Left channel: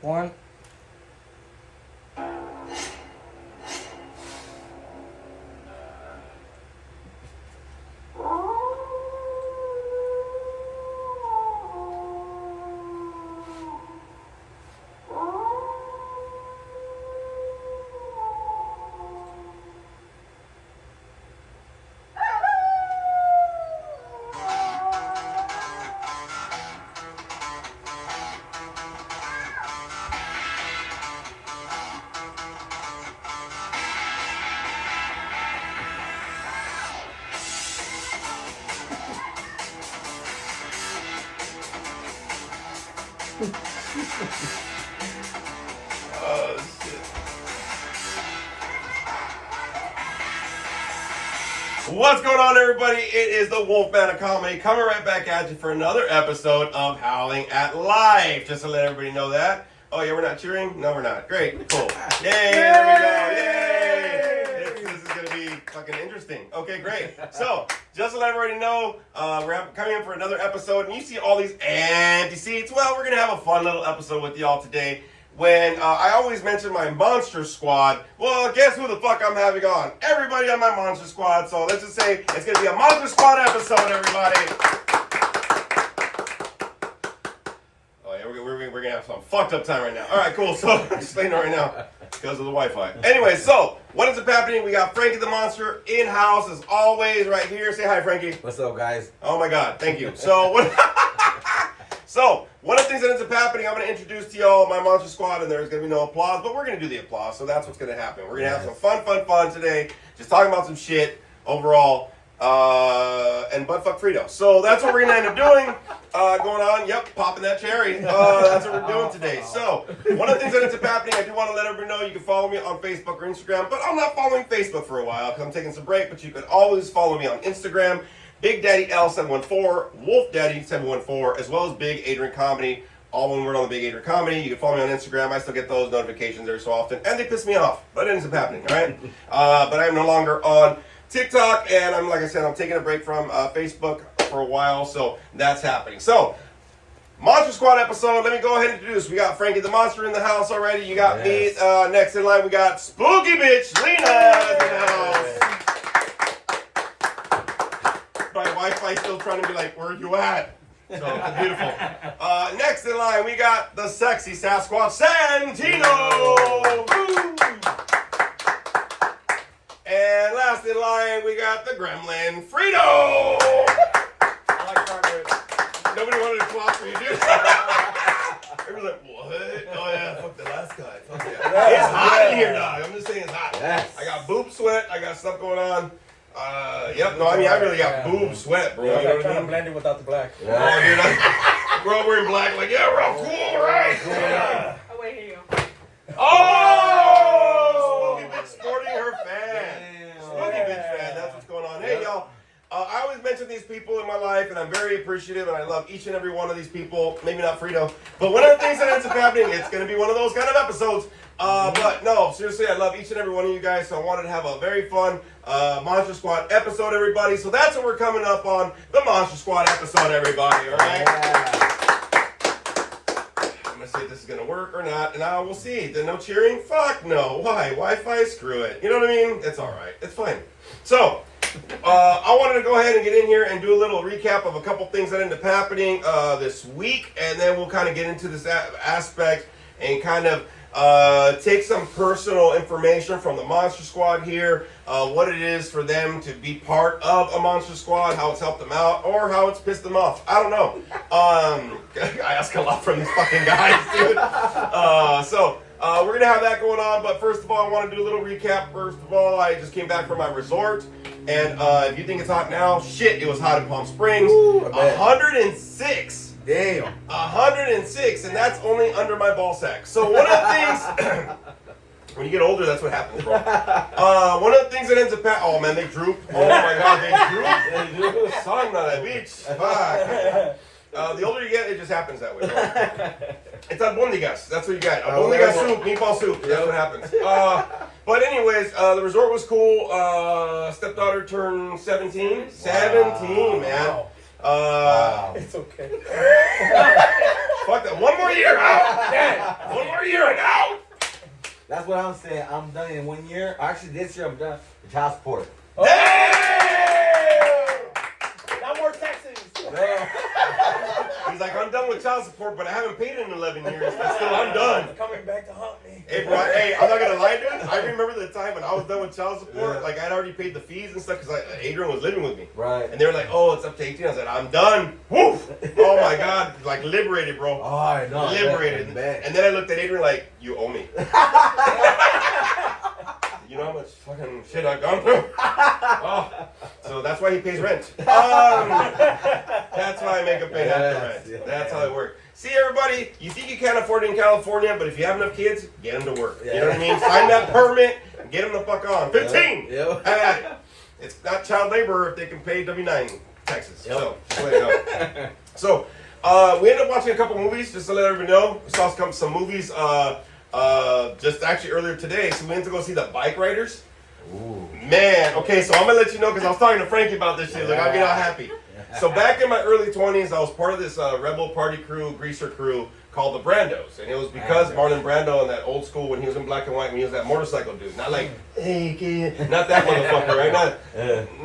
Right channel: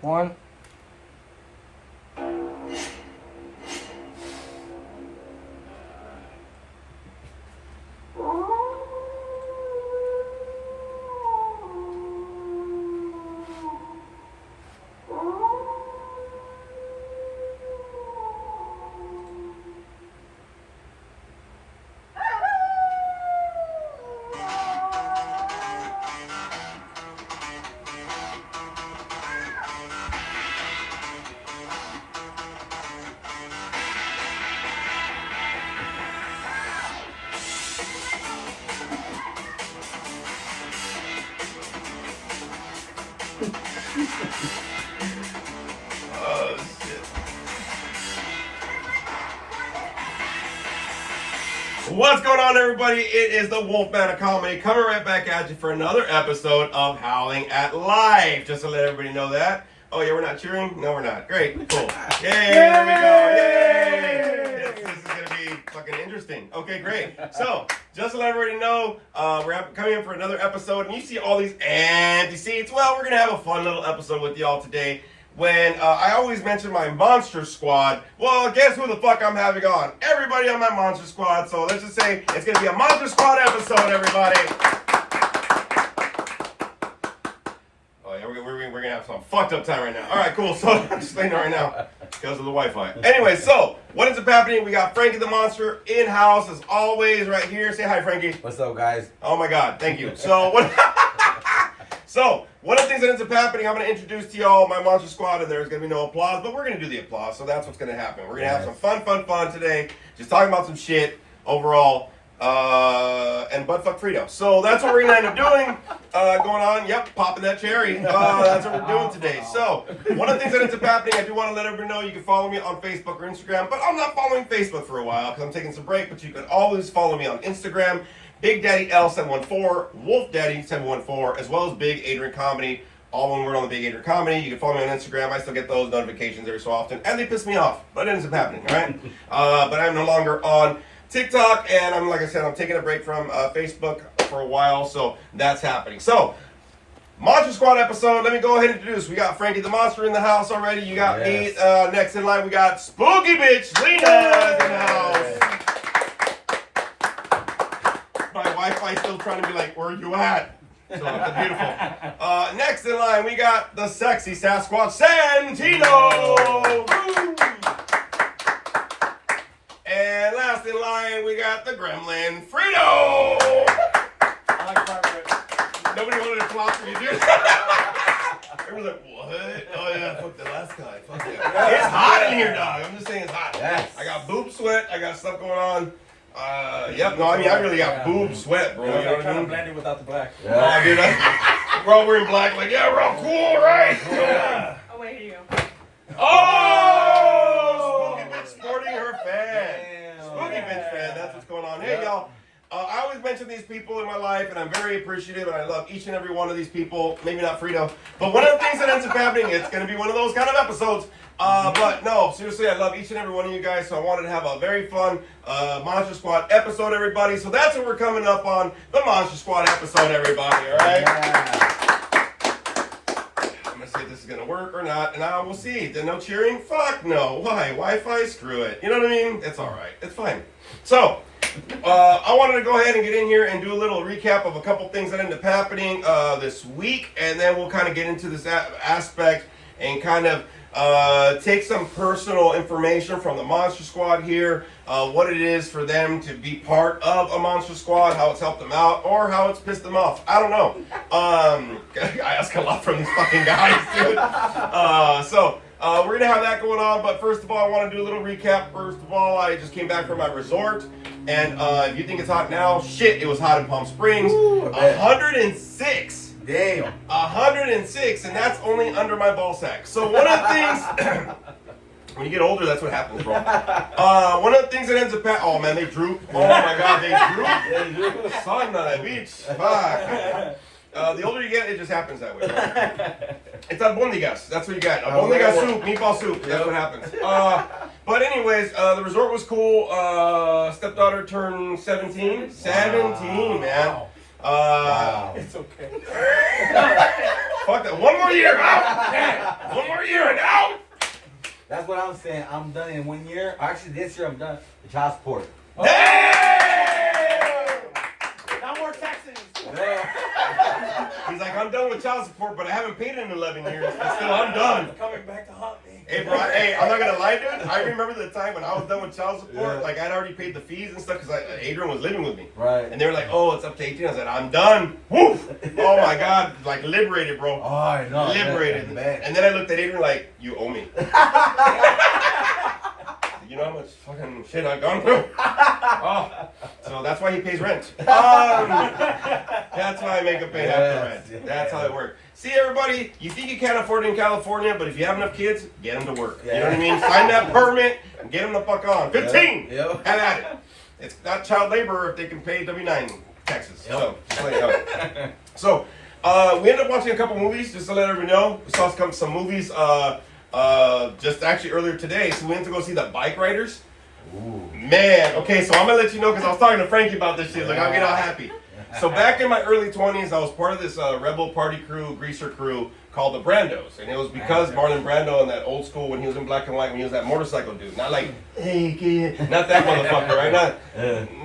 One. Oh, shit. What's going on, everybody? It is the Wolfman of Comedy coming right back at you for another episode of Howling at Life. Just to let everybody know that. Oh, yeah, we're not cheering? No, we're not. Great. Cool. Yay! There we go. Yay! This is going to be fucking interesting. Okay, great. So, just to let everybody know, we're coming in for another episode, and you see all these empty seats. Well, we're going to have a fun little episode with y'all today. When I always mention my Monster Squad, well, guess who the fuck I'm having on? Everybody on my Monster Squad. So let's just say it's going to be a Monster Squad episode, everybody. Oh, yeah, we're going to have some fucked up time right now. All right, cool. So I'm just saying right now because of the Wi-Fi. Anyway, so what ends up happening? We got Frankie the Monster in-house as always right here. Say hi, Frankie. What's up, guys? Oh, my God. Thank you. So what... So, one of the things that ends up happening, I'm going to introduce to y'all my Monster Squad, and there's going to be no applause, but we're going to do the applause, so that's what's going to happen. We're going to have some fun today, just talking about some shit overall, and buttfuck Frito. So, that's what we're going to end up doing, going on, yep, popping that cherry. That's what we're doing today. So, one of the things that ends up happening, I do want to let everybody know you can follow me on Facebook or Instagram, but I'm not following Facebook for a while, because I'm taking some break, but you can always follow me on Instagram. Big Daddy L714, Wolf Daddy 714, as well as Big Adrian Comedy. All one word on the Big Adrian Comedy. You can follow me on Instagram. I still get those notifications every so often, and they piss me off, but it ends up happening, all right? But I'm no longer on TikTok, and like I said, I'm taking a break from Facebook for a while, so that's happening. So, Monster Squad episode. Let me go ahead and introduce. We got Frankie the Monster in the house already. You got me next in line. We got Spooky Bitch Lena in the house. My Wi-Fi still trying to be like, where you at? So it's beautiful. Next in line, we got the sexy Sasquatch Santino. Woo! And last in line, we got the Gremlin Frito. I like Margaret. Nobody wanted to clap for you, dude. Everyone's like, what? Oh yeah, fuck the last guy. Fuck yeah. It's hot in here, dog. I'm just saying it's hot. Yes. I got boob sweat. I got stuff going on. Yep, no, I mean, I really got boob sweat, bro. You know I'm what I trying to mean? blend it without the black. Yeah. Oh, dude, we're all wearing black, like, yeah, we're all cool, right? Yeah. Oh, wait, you. Oh! Spooky Bitch sporting her fan. Damn. Spooky Bitch fan, that's what's going on. Hey, y'all. I always mention these people in my life, and I'm very appreciative, and I love each and every one of these people. Maybe not Frito, but one of the things that ends up happening, it's going to be one of those kind of episodes. But no, seriously, I love each and every one of you guys, so I wanted to have a very fun Monster Squad episode, everybody. So that's what we're coming up on, the Monster Squad episode, everybody, all right? Yeah. I'm going to see if this is going to work or not, and we'll see. Then no cheering? Fuck no. Why? Wi-Fi? Screw it. You know what I mean? It's all right. It's fine. So, I wanted to go ahead and get in here and do a little recap of a couple things that ended up happening this week, and then we'll kind of get into this aspect and kind of take some personal information from the Monster Squad here, what it is for them to be part of a Monster Squad, how it's helped them out, or how it's pissed them off. I don't know. I ask a lot from these fucking guys, dude. So we're going to have that going on, but first of all, I want to do a little recap. First of all, I just came back from my resort, and if you think it's hot now, shit, it was hot in Palm Springs. Ooh, 106. Damn. 106, and that's only under my ball sack. So one of the things, when you get older, that's what happens, bro. One of the things that ends up, oh man, they droop. Oh my God, they droop. Son of a bitch. Fuck. The older you get, it just happens that way, bro. It's albondigas. That's what you got. Albondigas soup, meatball soup. That's what happens. But anyways, the resort was cool. Stepdaughter turned 17. 17, man. It's okay. Fuck that. One more year out. Man, one more year and out. That's what I'm saying. I'm done in 1 year. Actually, this year I'm done with child support. Damn! No more Texans. He's like, I'm done with child support, but I haven't paid it in 11 years. But still, I'm done. Coming back to haunt me. Hey, bro, hey, I'm not gonna lie, dude. I remember the time when I was done with child support. Yeah. Like, I'd already paid the fees and stuff because Adrian was living with me. Right. And they were like, oh, it's up to 18. I said, I'm done. Woof! Oh my God. Like, liberated, bro. Oh, I know. Liberated. Man. And then I looked at Adrian like, you owe me. You know how much fucking shit I've gone through? Oh, so that's why he pays rent. That's why I make him pay half the rent. Yes. That's how it works. See, everybody, you think you can't afford it in California, but if you have enough kids, get them to work. You know what I mean? Sign that permit and get them the fuck on. 15! Yep. Have at it. It's not child labor if they can pay W-9 taxes. Yep. So, just let you know. So, we ended up watching a couple movies, just to let everybody know. We saw some movies just actually earlier today. So we went to go see the Bike Riders. Ooh. Man, okay, so I'm gonna let you know because I was talking to Frankie about this shit. Like, I'll get all happy. So back in my early 20s, I was part of this rebel party crew, greaser crew called the Brandos, and it was because Marlon Brando in that old school when he was in black and white, when he was that motorcycle dude, not like hey kid, not that motherfucker, right?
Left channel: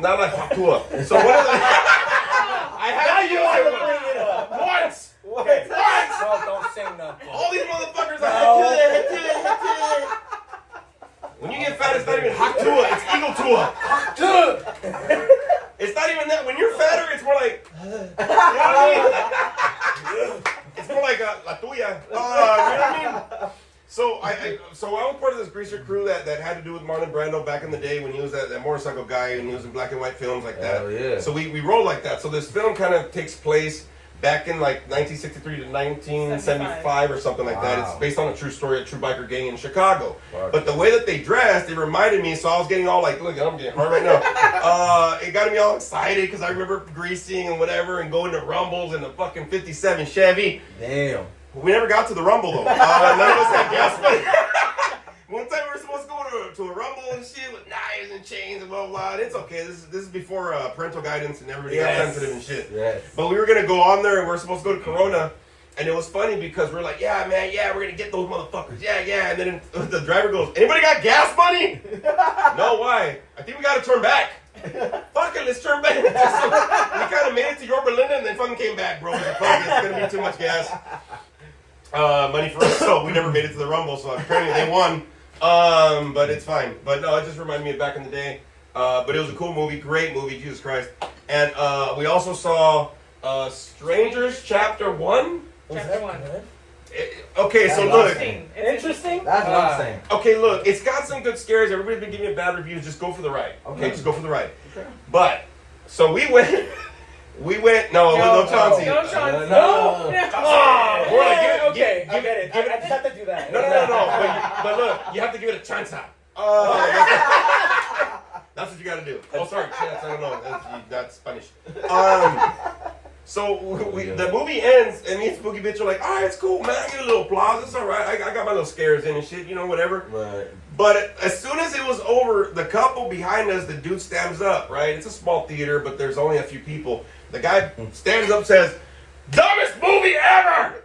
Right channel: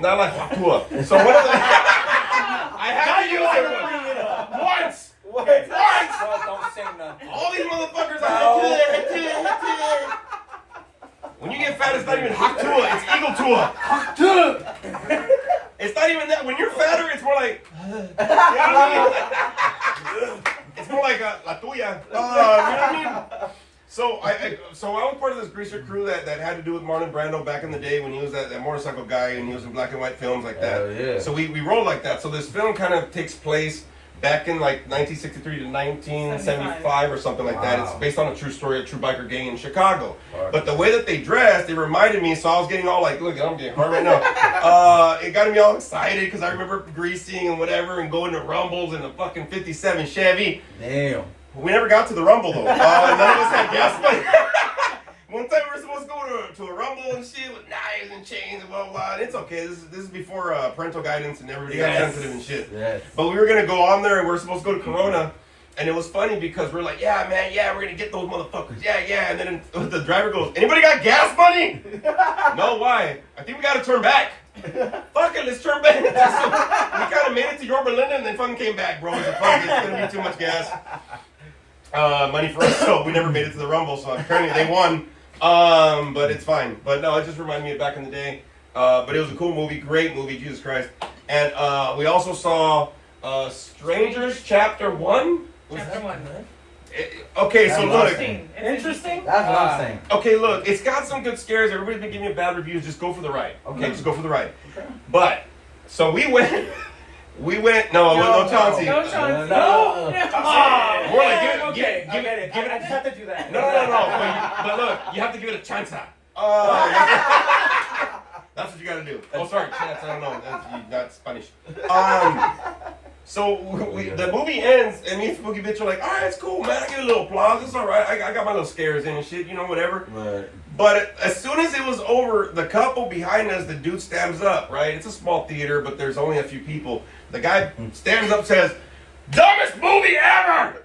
Not like Fatua. So one of the, I had to use it once. Okay, once. Don't say nothing. All these motherfuckers are when you get fat, it's not even Haktua, it's Eagle Tua. It's not even that. When you're fatter, it's more like, you know what I mean? It's more like La Tuya. You know what I mean? So I was part of this greaser crew that had to do with Marlon Brando back in the day when he was that motorcycle guy and he was in black and white films like that. Hell yeah. So we roll like that. So this film kind of takes place back in like 1963 to 1975 or something like that. Wow. It's based on a true story, a true biker gang in Chicago. Wow. But the way that they dressed, it reminded me, so I was getting all like, look, I'm getting hard right now. It got me all excited because I remember greasing and whatever and going to Rumbles in the fucking 57 Chevy. Damn. We never got to the Rumble though. None of us had gas money. One time we were supposed to go to a Rumble and shit with knives and chains and blah blah blah. And it's okay. This is before parental guidance and everybody got sensitive and shit. Yes. But we were gonna go on there and we were supposed to go to Corona. And it was funny because we're like, yeah, man, yeah, we're gonna get those motherfuckers, yeah. And then the driver goes, anybody got gas money? No, why? I think we gotta turn back. Fuck it, let's turn back. So we kind of made it to Yorba Linda and then fucking came back, bro. Fuck, it's gonna be too much gas. Money for us, so we never made it to the Rumble. So apparently they won. But it's fine. But no, it just reminded me of back in the day. But it was a cool movie, great movie, Jesus Christ. And we also saw Strangers Chapter 1. Chapter 1. Okay, so look. Interesting. That's what I'm saying. Okay, look, it's got some good scares. Everybody's been giving me bad reviews. Just go for the ride. Okay, just go for the ride. Okay. But, so we went, no Chauncey. No, Chauncey. No. More like, Okay, give it. I just have to do that. No. But look, you have to give it a chance. That's what you gotta do. Oh, sorry, chance. I don't know. That's Spanish. So the movie ends, and me and Spooky Bitch are like, all right, it's cool, man. I get a little applause. It's all right. I got my little scares in and shit, you know, whatever. Right. But as soon as it was over, the couple behind us, the dude stands up, right? It's a small theater, but there's only a few people. The guy stands up, says, dumbest movie ever!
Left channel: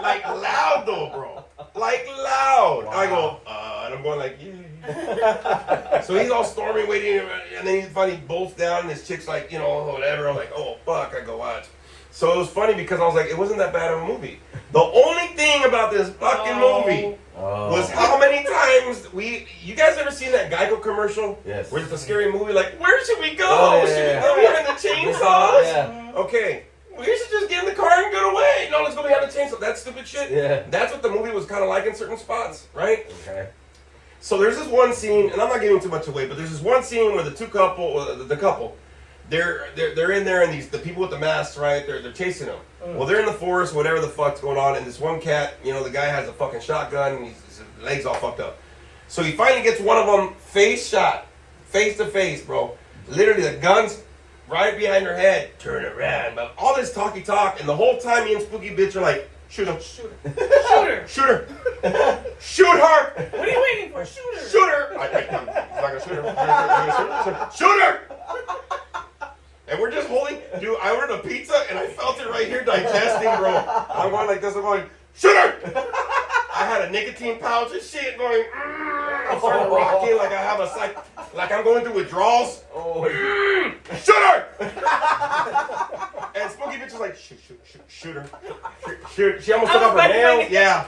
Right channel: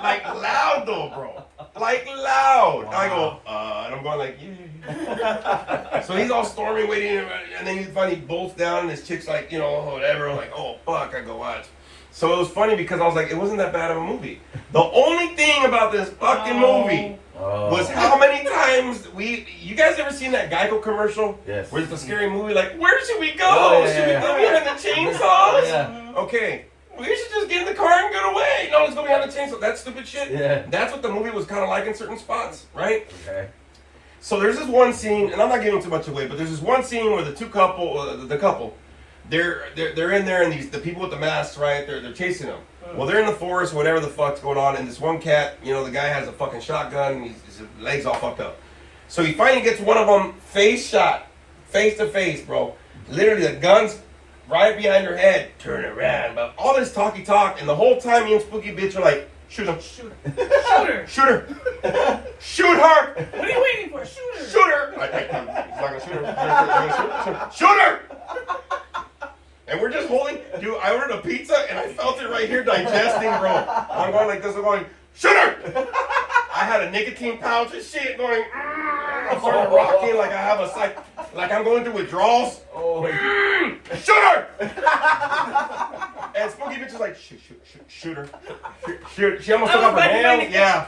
Like loud though, bro. Like loud. Wow. And I go, and I'm going like, yeah. So he's all storming, waiting, and then he's finally bolts down, and this chick's like, you know, whatever. I'm like, oh fuck, I go watch. So it was funny because I was like, it wasn't that bad of a movie. The only thing about this fucking movie was how many times you guys ever seen that Geico commercial? Yes. Where it's a scary movie, like, where should we go? Oh, yeah, Should we yeah. go behind the chainsaws? Yeah. Okay. We should just get in the car and get away. No, let's go behind the chainsaw. That stupid shit. Yeah. That's what the movie was kind of like in certain spots, right? Okay. So there's this one scene, and I'm not giving too much away, but there's this one scene where the couple, they're in there, and the people with the masks, right? They're chasing them. Well, they're in the forest, whatever the fuck's going on, and this one cat, you know, the guy has a fucking shotgun, and his legs all fucked up. So he finally gets one of them face shot, face to face, bro. Literally, the gun's right behind her head. Turn around, but all this talky talk, and the whole time me and Spooky Bitch are like, shoot him, Shoot her. shoot her, shoot her. What are you waiting for? Shoot her. Shoot her! He's not gonna shoot her. Shoot her! And we're just holding. Dude, I ordered a pizza and I felt it right right here digesting, bro. I'm going like this. I'm going, shooter! I had a nicotine pouch and shit going. I'm starting rocking like I have a like I'm going through withdrawals. Oh, Shooter! And Spooky bitch is like, shooter. Shoot. She almost took off her nails. Yeah.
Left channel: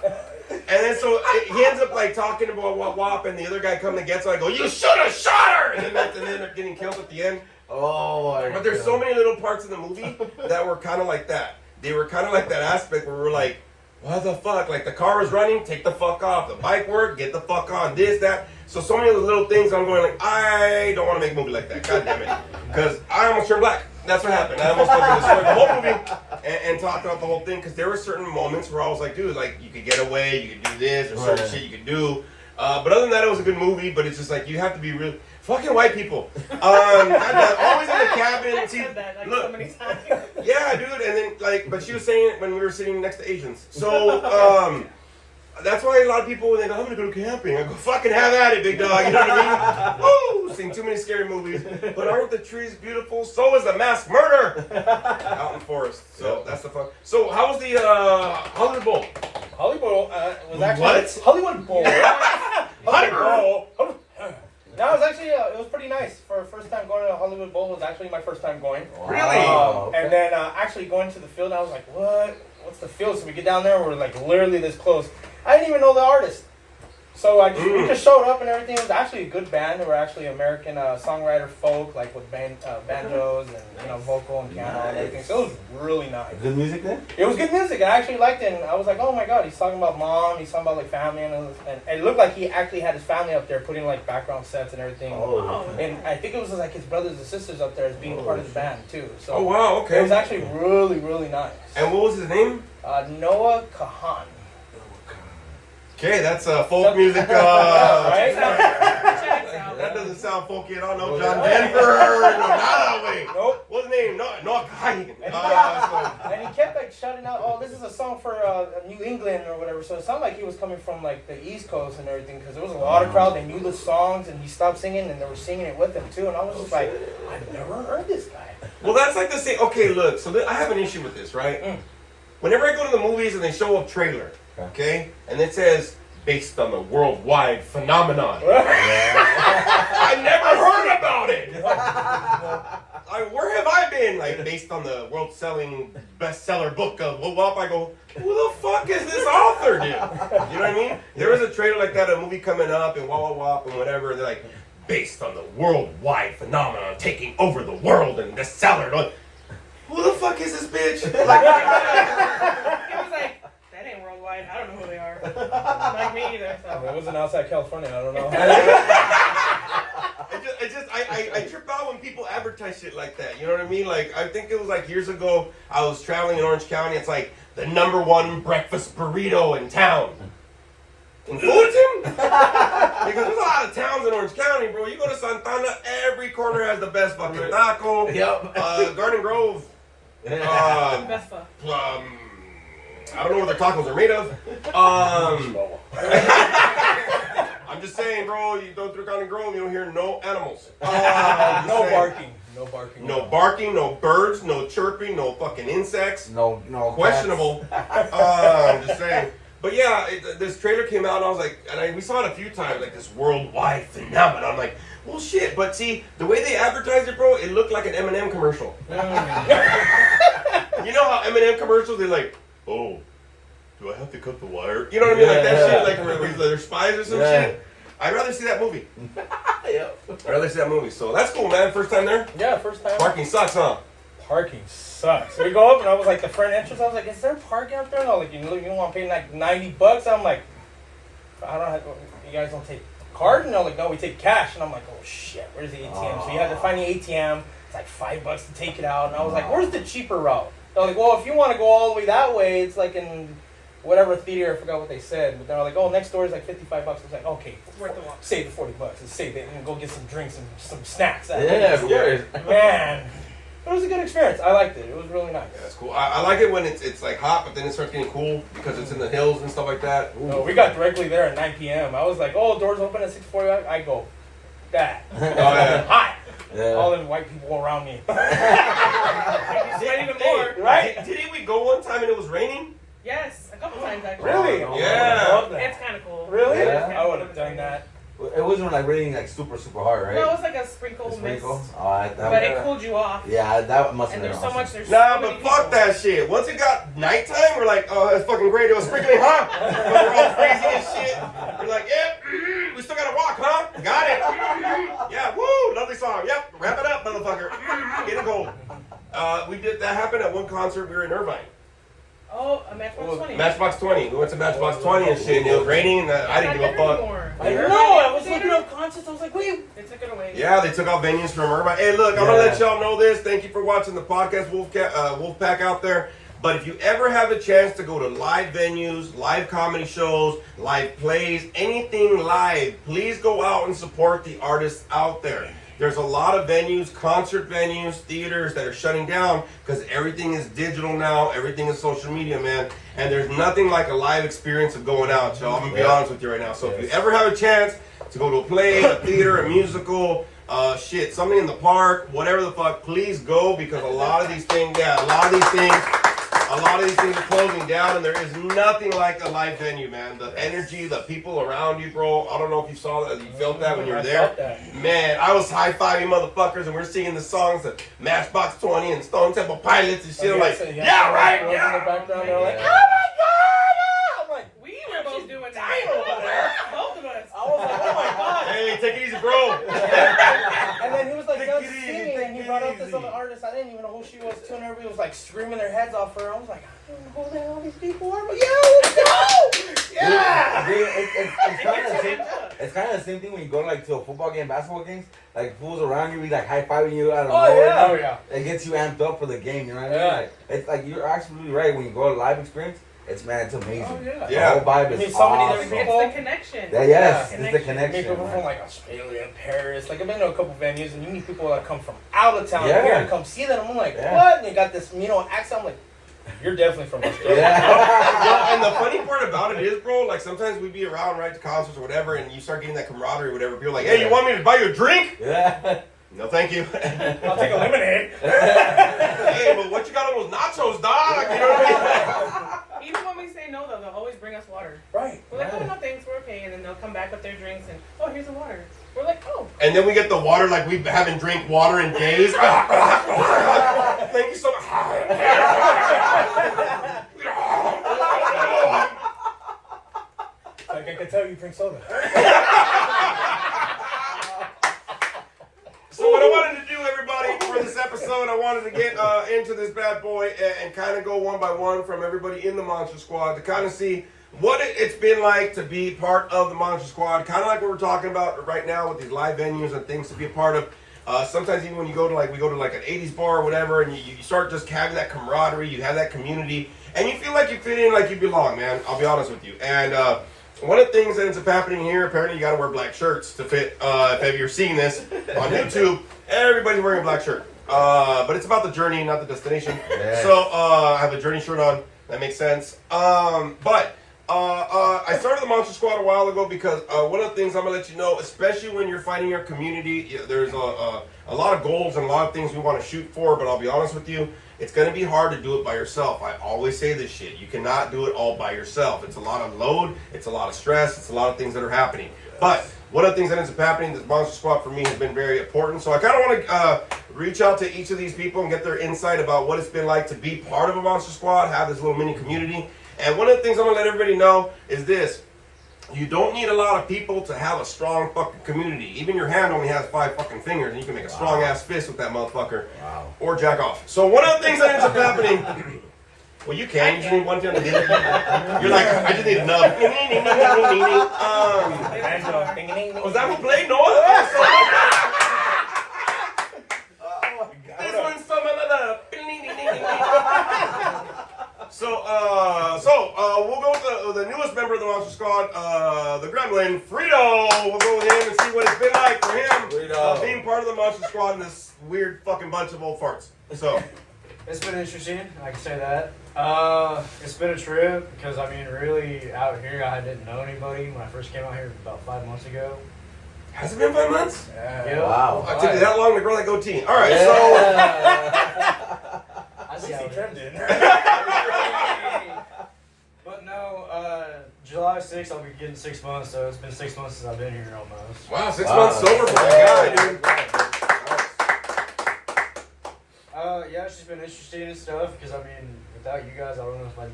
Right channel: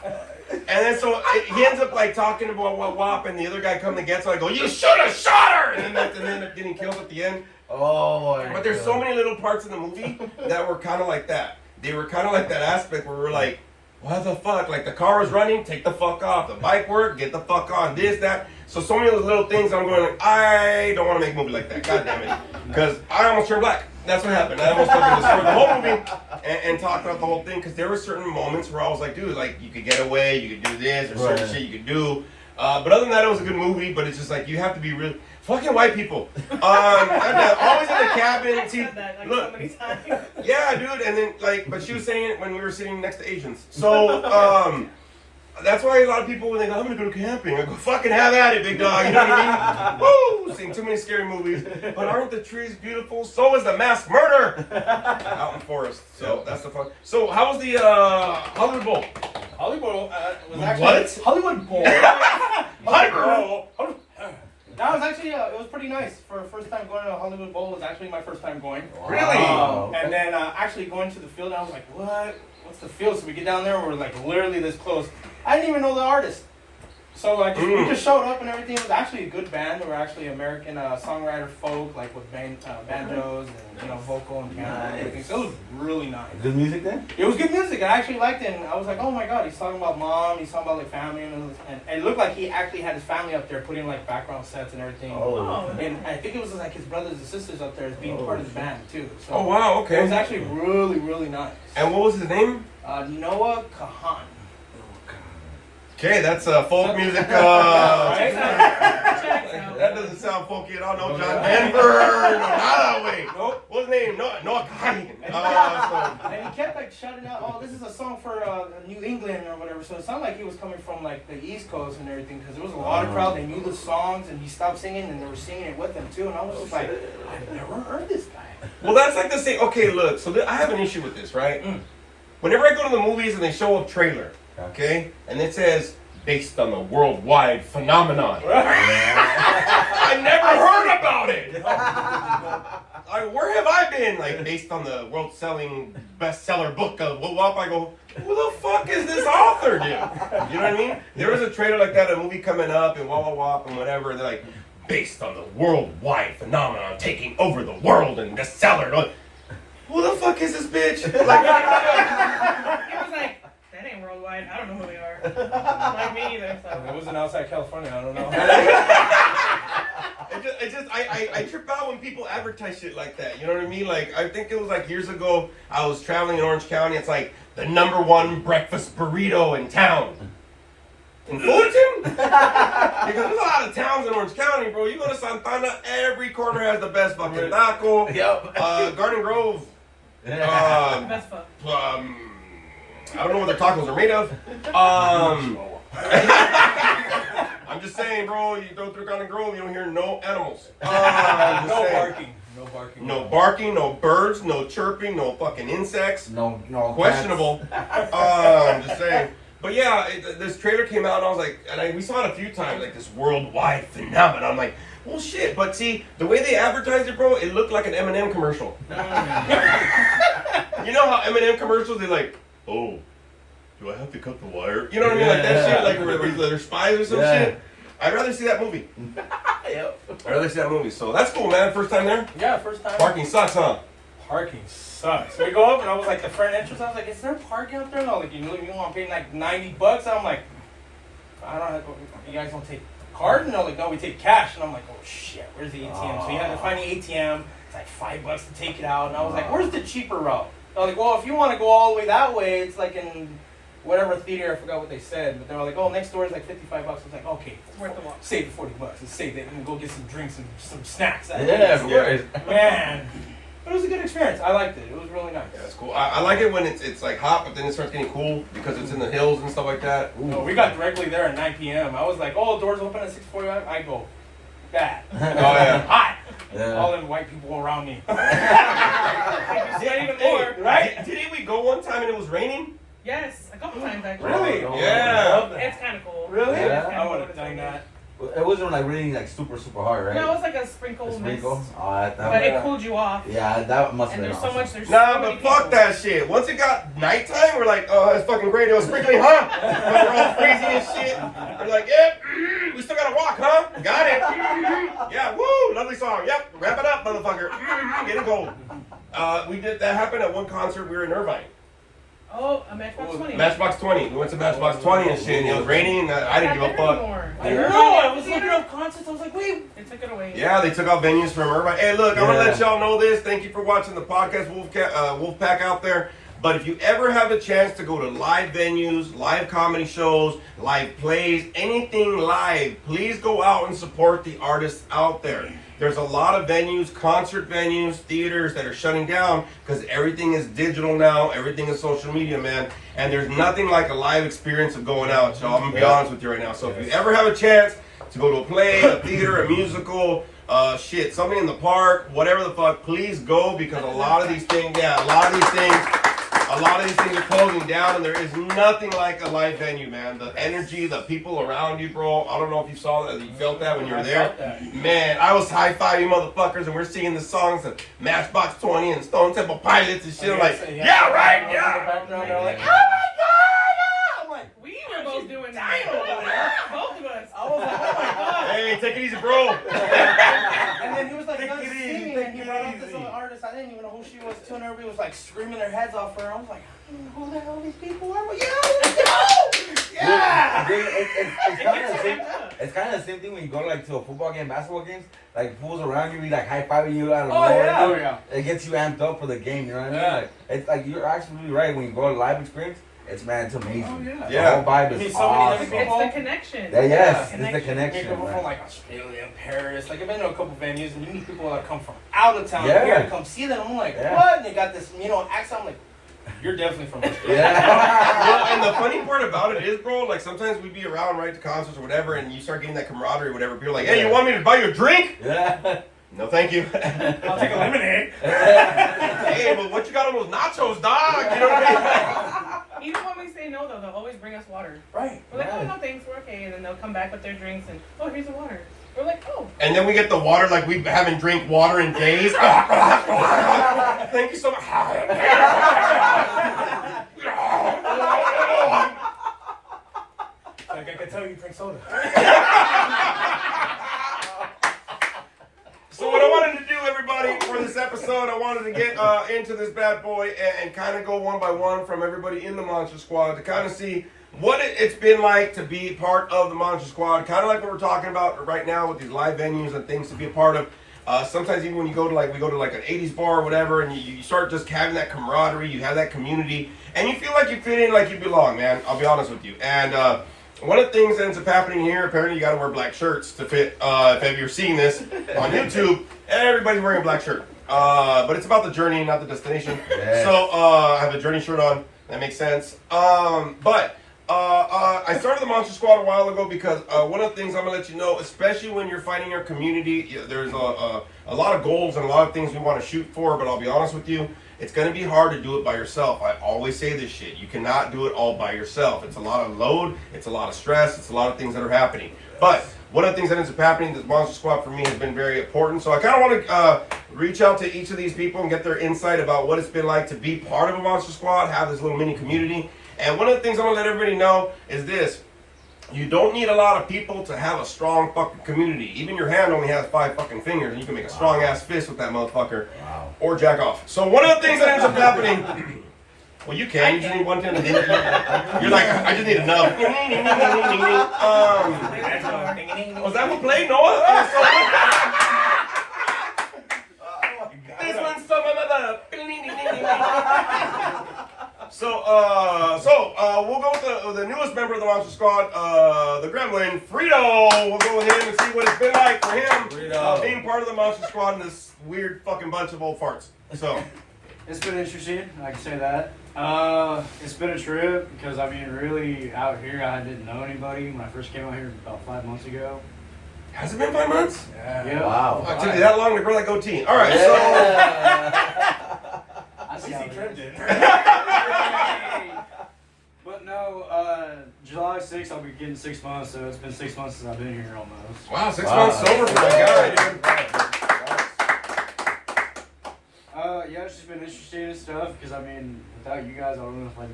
And then so he ends up like talking about WAP, and the other guy comes and gets her. I go, you should have shot her! And then they end up getting killed at the end. oh my But there's God. so many little parts of the movie that were kind of like that. They were kind of like that aspect where we're like, what the fuck? Like the car was running, take the fuck off. The bike worked, get the fuck on. This, that. So many of those little things I'm going like, I don't want to make a movie like that. God damn it. Because I almost turned black. That's what happened. I almost fucking destroyed the whole movie and talked about the whole thing. Because there were certain moments where I was like, dude, like you could get away, you could do this, or certain shit you could do. But other than that, it was a good movie. But it's just like you have to be real. Fucking white people. Always in the cabin. I And see, said that like look, so many times. yeah, dude, and then like, but she was saying it when we were sitting next to Asians. So, that's why a lot of people when they go, I'm gonna go camping, I go, fucking have at it, big dog. You know what I mean? Woo! Seen too many scary movies. But aren't the trees beautiful? So is the mass murder out in the forest. So that's the fun. So how was the Hollywood Bowl? Hollywood was actually What? Hollywood Bowl. Hollywood Bowl. That was actually it was pretty nice for first time going to a Hollywood Bowl. Was actually my first time going. Really? Okay. And then actually going to the field, I was like, what? What's the field? So we get down there, we're like literally this close. I didn't even know the artist. So we just showed up and everything. It was actually a good band. They were actually American songwriter folk, like with banjos and vocal and piano and everything. So it was really nice. Good music then? It was good music. I actually liked it. And I was like, oh my god, he's talking about mom. He's talking about like family, and it looked like he actually had his family up there putting like background sets and everything. Oh. And I think it was like his brothers and sisters up there as being part of the band too. So Oh wow, it was okay. actually really, really nice. And what was his name? Noah Kahan. Okay, that's folk music. Right? Checks out. That doesn't sound folky at all. No, John Denver. No, not that way. Nope. What's his name? No, Kahan. And he kept like shouting out, "Oh, this is a song for New England or whatever." So it sounded like he was coming from like the East Coast and everything, because there was a lot of crowd. They knew the songs, and he stopped singing, and they were singing it with him too. And I was just like, I've never heard this guy. Well, that's like the same. Okay, look. So I have an issue with this, right? Whenever I go to the movies and they show a trailer, okay, and it says based on a worldwide phenomenon, I never heard about it. Where have I been? Like based on the world-selling bestseller book of WAP, I go, who the fuck is this author, dude? You know what I mean? There was a trailer like that, a movie coming up, and WAP and whatever. They're like, based on the worldwide phenomenon taking over the world and bestseller. Like, who the fuck is this bitch? Like, He was like, that ain't worldwide. I don't know who they are. Like me either. It So. wasn't outside California. I don't know. I trip out when people advertise shit like that. You know what I mean? Like, I think it was like years ago, I was traveling in Orange County. It's like the #1 breakfast burrito in town. In Fullerton? Because there's a lot of towns in Orange County, bro. You go to Santana, every corner has the best fucking taco. Yep. Garden Grove. Best fuck. I don't know what their tacos are made of. I'm just saying, bro, you go through Garden Grove, you don't hear no animals. I'm just No saying. barking. No barking. No barking, no birds, no chirping, no fucking insects. No, Questionable. I'm just saying. But yeah, this trailer came out and I was like, we saw it a few times, like this worldwide phenomenon. I'm like, well, shit. But see, the way they advertised it, bro, it looked like an M&M commercial. You know how M&M commercials, they're like, oh, do I have to cut the wire? You know what I mean? Like that shit, like they're spies or some shit. I'd rather see that movie. Yep. I'd rather see that movie. So that's cool, man. First time there? Yeah, first time. Parking sucks, huh? Parking sucks. So we go up and I was like, the front entrance, I was like, is there parking up there? And I was like, you want to pay like $90? And I'm like, I don't have, you guys don't take card? And they're like, no, we take cash. And I'm like, oh shit, where's the ATM? So you had to find the ATM. It's like $5 to take it out. And I was like, where's the cheaper route? They're like, well, if you want to go all the way that way, it's like in whatever theater, I forgot what they said. But they were like, oh, next door is like $55. I was like, okay, Worth the walk. save the $40 and save it and go get some drinks and some snacks. Yeah, of course. Man, it was a good experience. I liked it. It was really nice. Yeah, that's cool. I like it when it's like hot, but then it starts getting cool because it's in the hills and stuff like that. No, we got directly there at 9 p.m. I was like, oh, doors open at 6:40. I go, bad. Oh yeah. Hot. Yeah. all them white people around me. Sweat even more. Right? Didn't we go one time and it was raining? Yes, a couple times actually. Really? Yeah. It's kind of cool. Really? Yeah. I would have done that. It wasn't like raining like super hard, right? No, it was like a sprinkle The mist. sprinkle. Oh, that But yeah. it cooled you off. Yeah, that must have And been there's so awesome. much. There's Nah, so but many fuck people. that shit. Once it got nighttime, we're like, oh, that's fucking great. It was sprinkling, huh? We're all crazy and shit. We're like, yep, we still gotta walk, huh? Got it. Yeah, woo, lovely song. Yep, wrap it up, motherfucker. Getting cold. We did that happen at one concert. We were in Irvine. Oh, a Matchbox 20. Matchbox 20. We went to Matchbox 20 and shit. And it was raining. And I didn't give a fuck. I know. I was looking up concerts. I was like, wait. They took it away. Yeah, they took out venues from Irvine. Hey, look, I'm gonna let y'all know this. Thank you for watching the podcast, Wolfpack out there. But if you ever have the chance to go to live venues, live comedy shows, live plays, anything live, please go out and support the artists out there. There's a lot of venues, concert venues, theaters that are shutting down because everything is digital now. Everything is social media, man. And there's nothing like a live experience of going out, y'all. I'm going to be honest with you right now. So if you ever have a chance to go to a play, a theater, a musical, something in the park, whatever the fuck, please go because a lot of these things are closing down, and there is nothing like a live venue, man. The energy, the people around you, bro. I don't know if you saw that, you felt that when you were there. Man, I was high-fiving motherfuckers, and we're singing the songs of Matchbox 20 and Stone Temple Pilots and shit. I'm like, yeah, right, yeah. I'm like, We were both doing that. Both of us. I was like, oh my god. Hey, take it easy, bro. And then he was like done Take it easy, singing, take and he it brought up this easy. other artist. I didn't even know who she was too, and everybody was like screaming their heads off for her. I was like, who the hell these people are? Yeah, let's go! Yeah! Dude, it's It kind of gets the you same. amped up. It's kind of the same thing when you go like to a football game, basketball games. Like fools around you, be like high fiving you out of Oh, nowhere. yeah. Oh, yeah. It gets you amped up for the game. You know what I mean? Yeah. Like, it's like you're absolutely right. When you go to a live experience, it's amazing. Oh, yeah. The Yeah. whole vibe I is mean, so many awesome. different It's the connection. Yeah, yes, Connection. it's the connection. People Man. from like Australia and Paris. Like I've been to a couple venues, and you meet people that come from out of town Yeah. here to come see them. I'm like, Yeah. what? And they got this, accent. I'm like, you're definitely from Australia. Yeah. Yeah, and the funny part about it is, bro, like sometimes we be around, right, to concerts or whatever, and you start getting that camaraderie or whatever. People are like, hey, you want me to buy you a drink? Yeah. No, thank you. I'll take a lemonade. Hey, but what you got on those nachos, dog? You know what I mean? Even when we say no, though, they'll always bring us water. Right. We're like, Right. oh, no, thanks, we're okay. And then they'll come back with their drinks and, oh, here's the water. We're like, oh. And then we get the water like we haven't drank water in days. Thank you so much. Like I can tell you drink soda. So what I wanted to do, everybody, for this episode, I wanted to get into this bad boy and kind of go one by one from everybody in the Monster Squad to kind of see what it's been like to be part of the Monster Squad. Kind of like what we're talking about right now with these live venues and things to be a part of. Sometimes even when you go to like, we go to like an 80s bar or whatever, and you start just having that camaraderie, you have that community, and you feel like you fit in, like you belong, man. I'll be honest with you. And one of the things that ends up happening here, apparently you got to wear black shirts to fit. If you're seeing this on YouTube, everybody's wearing a black shirt. But it's about the journey, not the destination. Yeah. So I have a journey shirt on. That makes sense. But I started the Monster Squad a while ago because one of the things I'm going to let you know, especially when you're fighting your community, there's a lot of goals and a lot of things we want to shoot for, but I'll be honest with you, it's going to be hard to do it by yourself. I always say this shit. You cannot do it all by yourself. It's a lot of load. It's a lot of stress. It's a lot of things that are happening. But one of the things that ends up happening, this Monster Squad for me has been very important. So I kind of want to reach out to each of these people and get their insight about what it's been like to be part of a Monster Squad, have this little mini community. And one of the things I'm going to let everybody know is this. You don't need a lot of people to have a strong fucking community. Even your hand only has 5 fucking fingers, and you can make a strong ass fist with that motherfucker. Wow. Or jack off. So one of the things that ends up happening. Well, you can. You just need one finger. You're like, I just need a nub. Was that who played? No. This one's some other. So we'll go with the newest member of the Monster Squad, the Gremlin, Frito. We'll go with him and see what it's been like for him being part of the Monster Squad in this weird fucking bunch of old farts. So, It's been interesting, I can say that. It's been a trip because, I mean, really, out here, I didn't know anybody when I first came out here about 5 months ago. Has it been 5 months? Yeah. Wow. Oh, it took you that long to grow that goatee. All right, I see At how least it he is. trimmed it. But no, July 6th, I'll be getting 6 months, so it's been 6 months since I've been here almost. so wow, 6 months sober for the guy, dude. Yeah, it's just been interesting and stuff, because I mean, without you guys, I don't know if I'd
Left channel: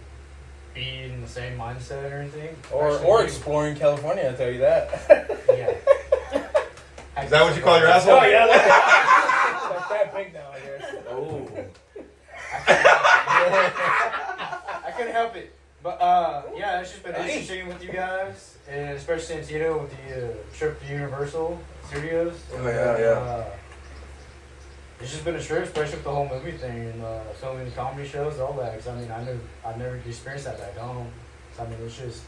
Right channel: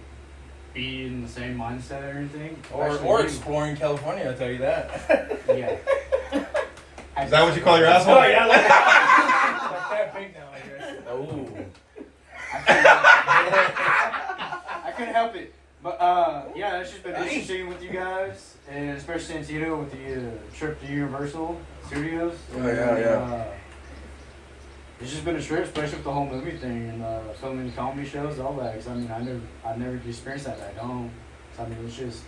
be in the same mindset or anything. Or Actually, exploring California, I'll tell you that. Yeah. Is that what you call your asshole? Oh, yeah, like that big now, I guess. Ooh. I couldn't help it. But yeah, it's just been interesting with you guys, and especially Santino with the trip to Universal Studios. Oh, yeah. It's just been a trip, especially with the whole movie thing and filming the comedy shows, all that. Cause I mean, I never experienced that back home. So, I mean, it's just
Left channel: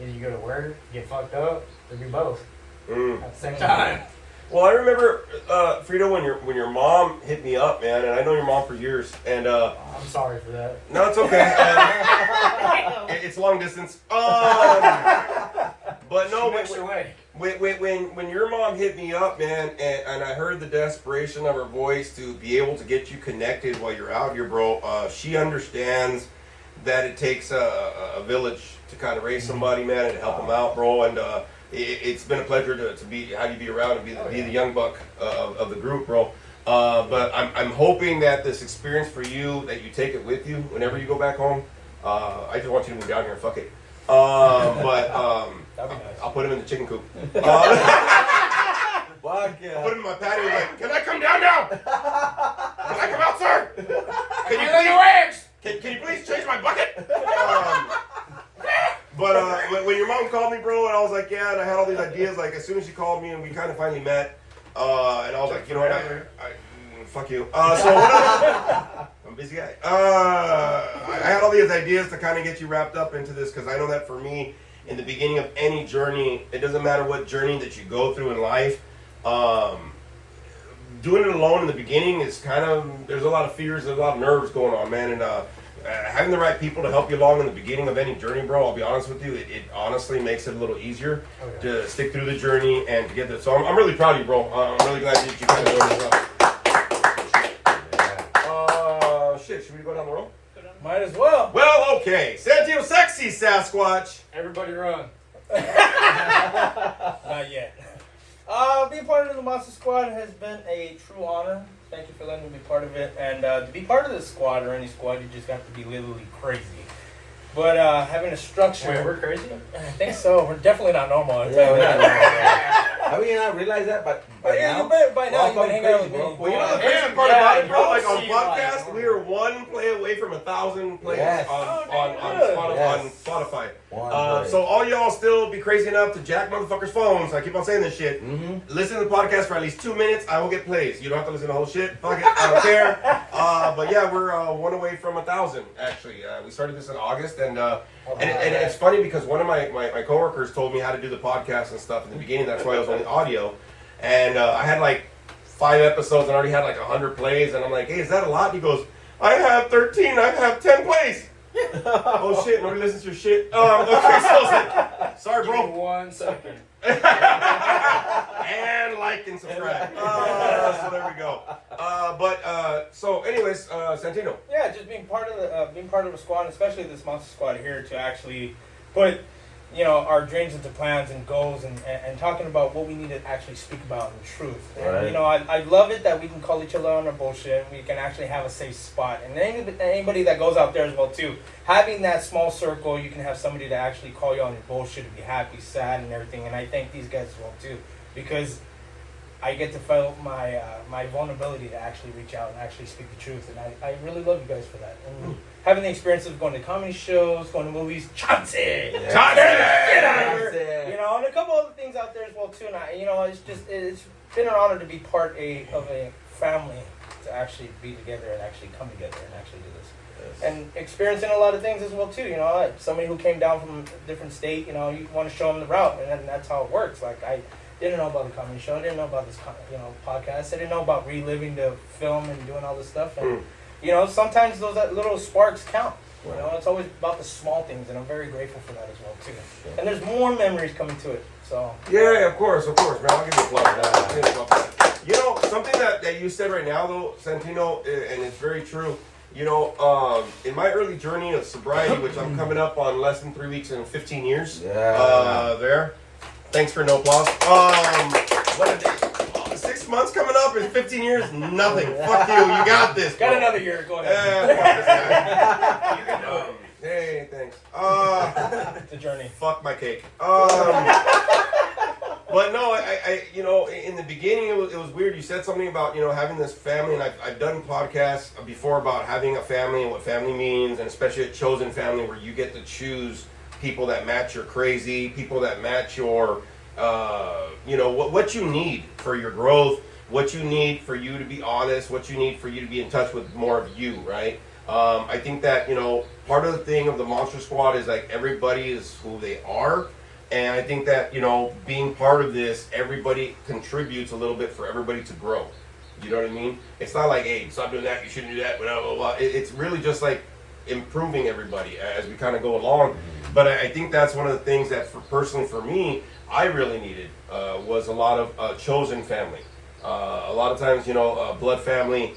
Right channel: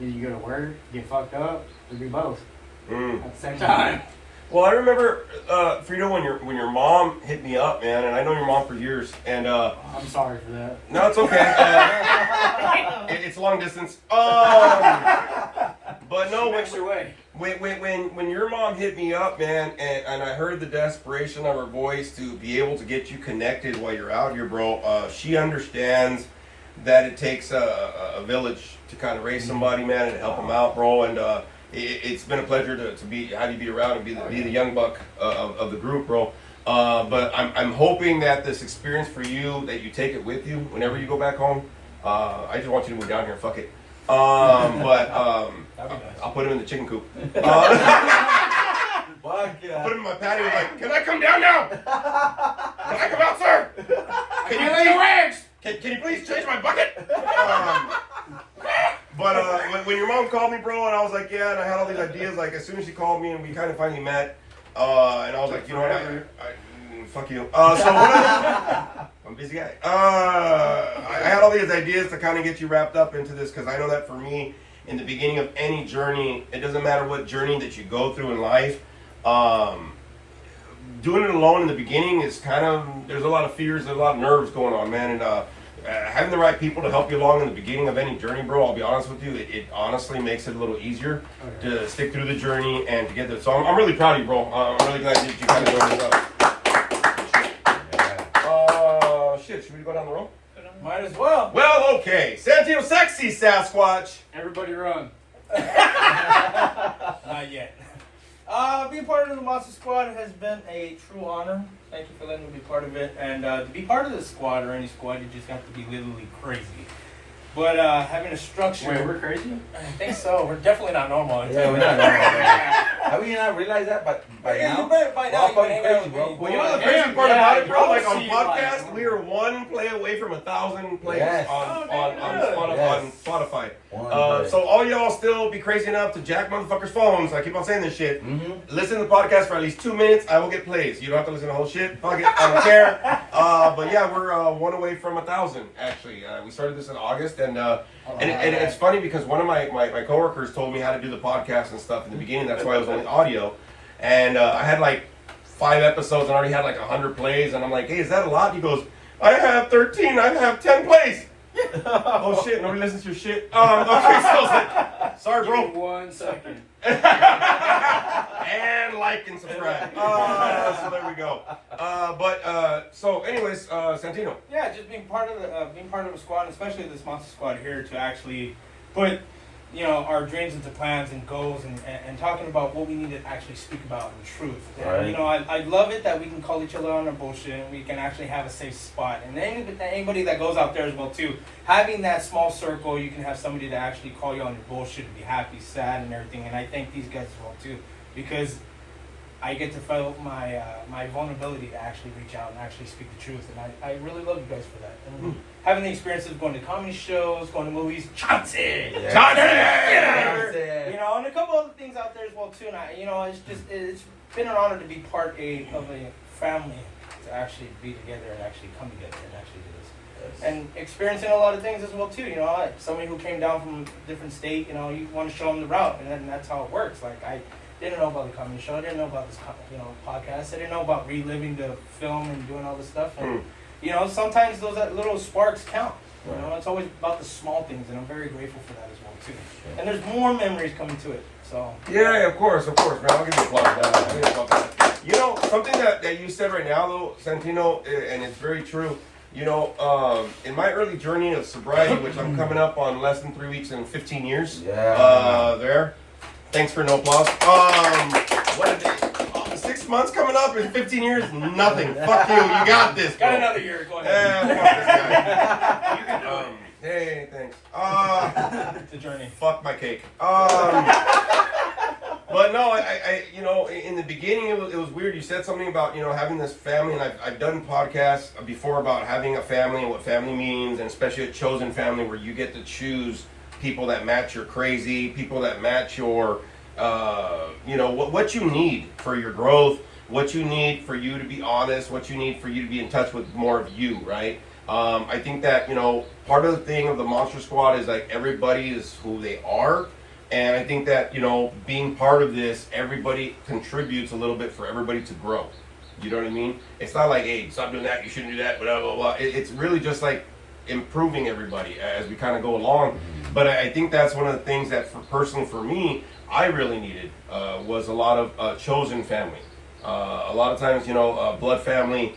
either you go to work, get fucked up, or do both at the same time. Well, I remember, Frito, when your mom hit me up, man, and I know your mom for years, and I'm sorry for that. no, it's okay. It's long distance. But no, She makes your way. when your mom hit me up, man, and I heard the desperation of her voice to be able to get you connected while you're out here, bro, she understands that it takes a village to kind of raise somebody, man, and help them out, bro, and it's been a pleasure to have you be around and be the young buck of the group, bro. But I'm hoping that this experience for you, that you take it with you whenever you go back home. I just want you to move down here, fuck it. That'd be nice. I'll put him in the chicken coop. Fuck I yeah. put him in my patio. Like, can I come down now? Can I come out, sir? Can you Can you please change my bucket? But when your mom called me, bro, and I was like, yeah, and I had all these ideas. Like, as soon as she called me, and we kind of finally met, and I was like, you know what? Fuck you. So I'm a busy guy. I had all these ideas to kind of get you wrapped up into this, because I know that for me, in the beginning of any journey, it doesn't matter what journey that you go through in life, doing it alone in the beginning is kind of, there's a lot of fears, there's a lot of nerves going on, man, and having the right people to help you along in the beginning of any journey, bro, I'll be honest with you, it honestly makes it a little easier to stick through the journey and to get this. So I'm really proud of you, bro. I'm really glad that you kind of doing this up. Shit, should we go down the road? Might as well. Well, okay. Santino Sexy Sasquatch. Everybody run. Not yet. Being part of the Monster Squad has been a true honor. Thank you for letting me be part of it. And to be part of the squad or any squad, you just have to be literally crazy. But having a structure. Wait, we're crazy? I think so. We're definitely not normal. Yeah, we're not. Have we not realized that? But by now, you bet by we're now all you've been fucking hanging out crazy, with bro. me. Well, you know the crazy Yeah, part about it, yeah, bro? Like on you podcast, like- we are one play away from 1,000 plays Yes. on Yes. Spotify. One So all y'all still be crazy enough to jack motherfuckers' phones. I keep on saying this shit. Mm-hmm. Listen to the podcast for at least 2 minutes. I will get plays. You don't have to listen to the whole shit. Fuck it. I don't care. But yeah, we're one away from 1,000. Actually, we started this in August, and it's funny because one of my coworkers told me how to do the podcast and stuff in the beginning. That's why I was only audio, and I had like 5 episodes and already had like 100 plays. And I'm like, hey, is that a lot? And he goes, I have 13. I have 10 plays. Oh shit! Nobody listens to your shit. Okay, so I was like, sorry, Give me bro. 1 second. And like and subscribe. So there we go. So anyways, Santino. Yeah, just being part of the squad, especially this Monster Squad here, to actually put, our dreams into plans and goals, and talking about what we need to actually speak about in truth. Right. And I love it that we can call each other on our bullshit. We can actually have a safe spot, and anybody that goes out there as well too. Having that small circle, you can have somebody to actually call you on your bullshit and be happy, sad, and everything. And I thank these guys as well too, because I get to feel my vulnerability to actually reach out and actually speak the truth, and I really love you guys for that. And having the experience of going to comedy shows, going to movies, Chauncey, and a couple other things out there as well too. And it's been an honor to be part of a family, to actually be together and actually come together and actually do this. And experiencing a lot of things as well too. Somebody who came down from a different state, you want to show them the route, and then that's how it works. Like I didn't know about the comedy show. I didn't know about this, podcast. I didn't know about reliving the film and doing all this stuff. And sometimes those little sparks count. You know, it's always about the small things, and I'm very grateful for that as well too. And there's more memories coming to it. So Yeah, of course, man. I'll give you applause for that. I'll give you applause for that. You know, something that you said right now, though, Santino, and it's very true. You know, in my early journey of sobriety, which I'm coming up on less than 3 weeks and 15 years, there. Thanks for no applause. What a day. 6 months coming up in 15 years, nothing. Fuck you, you got this. got bro. another year. Go ahead. Yeah, fuck this guy. Hey, thanks. The journey. Fuck my cake. But no, I you know, in the beginning it was weird. You said something about, you know, having this family, and I've done podcasts before about having a family and what family means, and especially a chosen family where you get to choose people that match your crazy, people that match your, you know, what you need for your growth, what you need for you to be honest, what you need for you to be in touch with more of you, right? I think that, you know, part of the thing of the Monster Squad is like everybody is who they are. And I think that, you know, being part of this, everybody contributes a little bit for everybody to grow. You know what I mean? It's not like, hey, stop doing that, you shouldn't do that, blah, blah, blah. It's really just like improving everybody as we kind of go along. But I think that's one of the things that, personally for me, I really needed was a lot of chosen family. A lot of times, you know, blood family,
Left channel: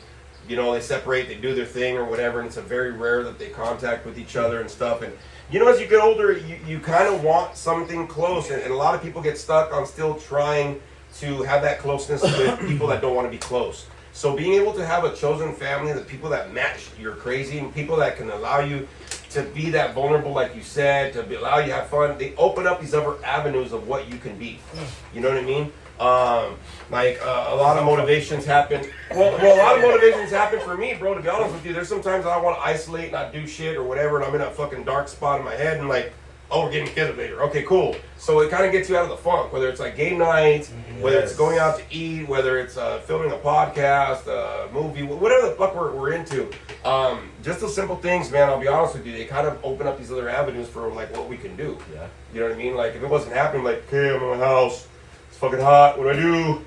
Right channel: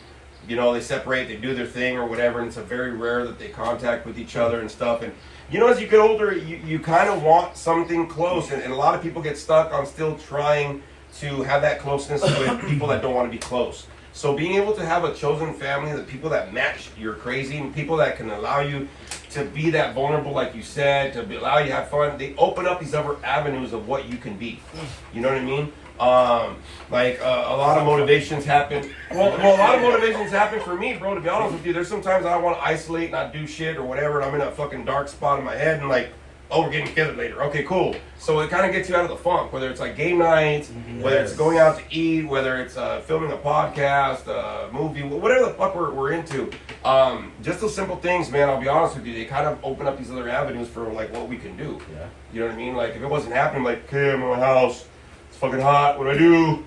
you know, they separate, they do their thing or whatever, and it's a very rare that they contact with each other and stuff. And you know, as you get older, you kind of want something close, and a lot of people get stuck on still trying to have that closeness with people that don't want to be close. So being able to have a chosen family, the people that match your crazy, people that can allow you to be that vulnerable, like you said, to allow you to have fun, they open up these other avenues of what you can be. You know what I mean? A lot of motivations happen. Well, a lot of motivations happen for me, bro, to be honest with you. There's sometimes I want to isolate, not do shit or whatever, and I'm in a fucking dark spot in my head, and like, oh, we're getting together later. Okay, cool. So it kind of gets you out of the funk, whether it's like game nights, whether it's going out to eat, whether it's filming a podcast, a movie, whatever the fuck we're into. Just those simple things, man, I'll be honest with you, they kind of open up these other avenues for like what we can do. Yeah. You know what I mean? Like if it wasn't happening, like, okay, I'm in my house. It's fucking hot. What do I do?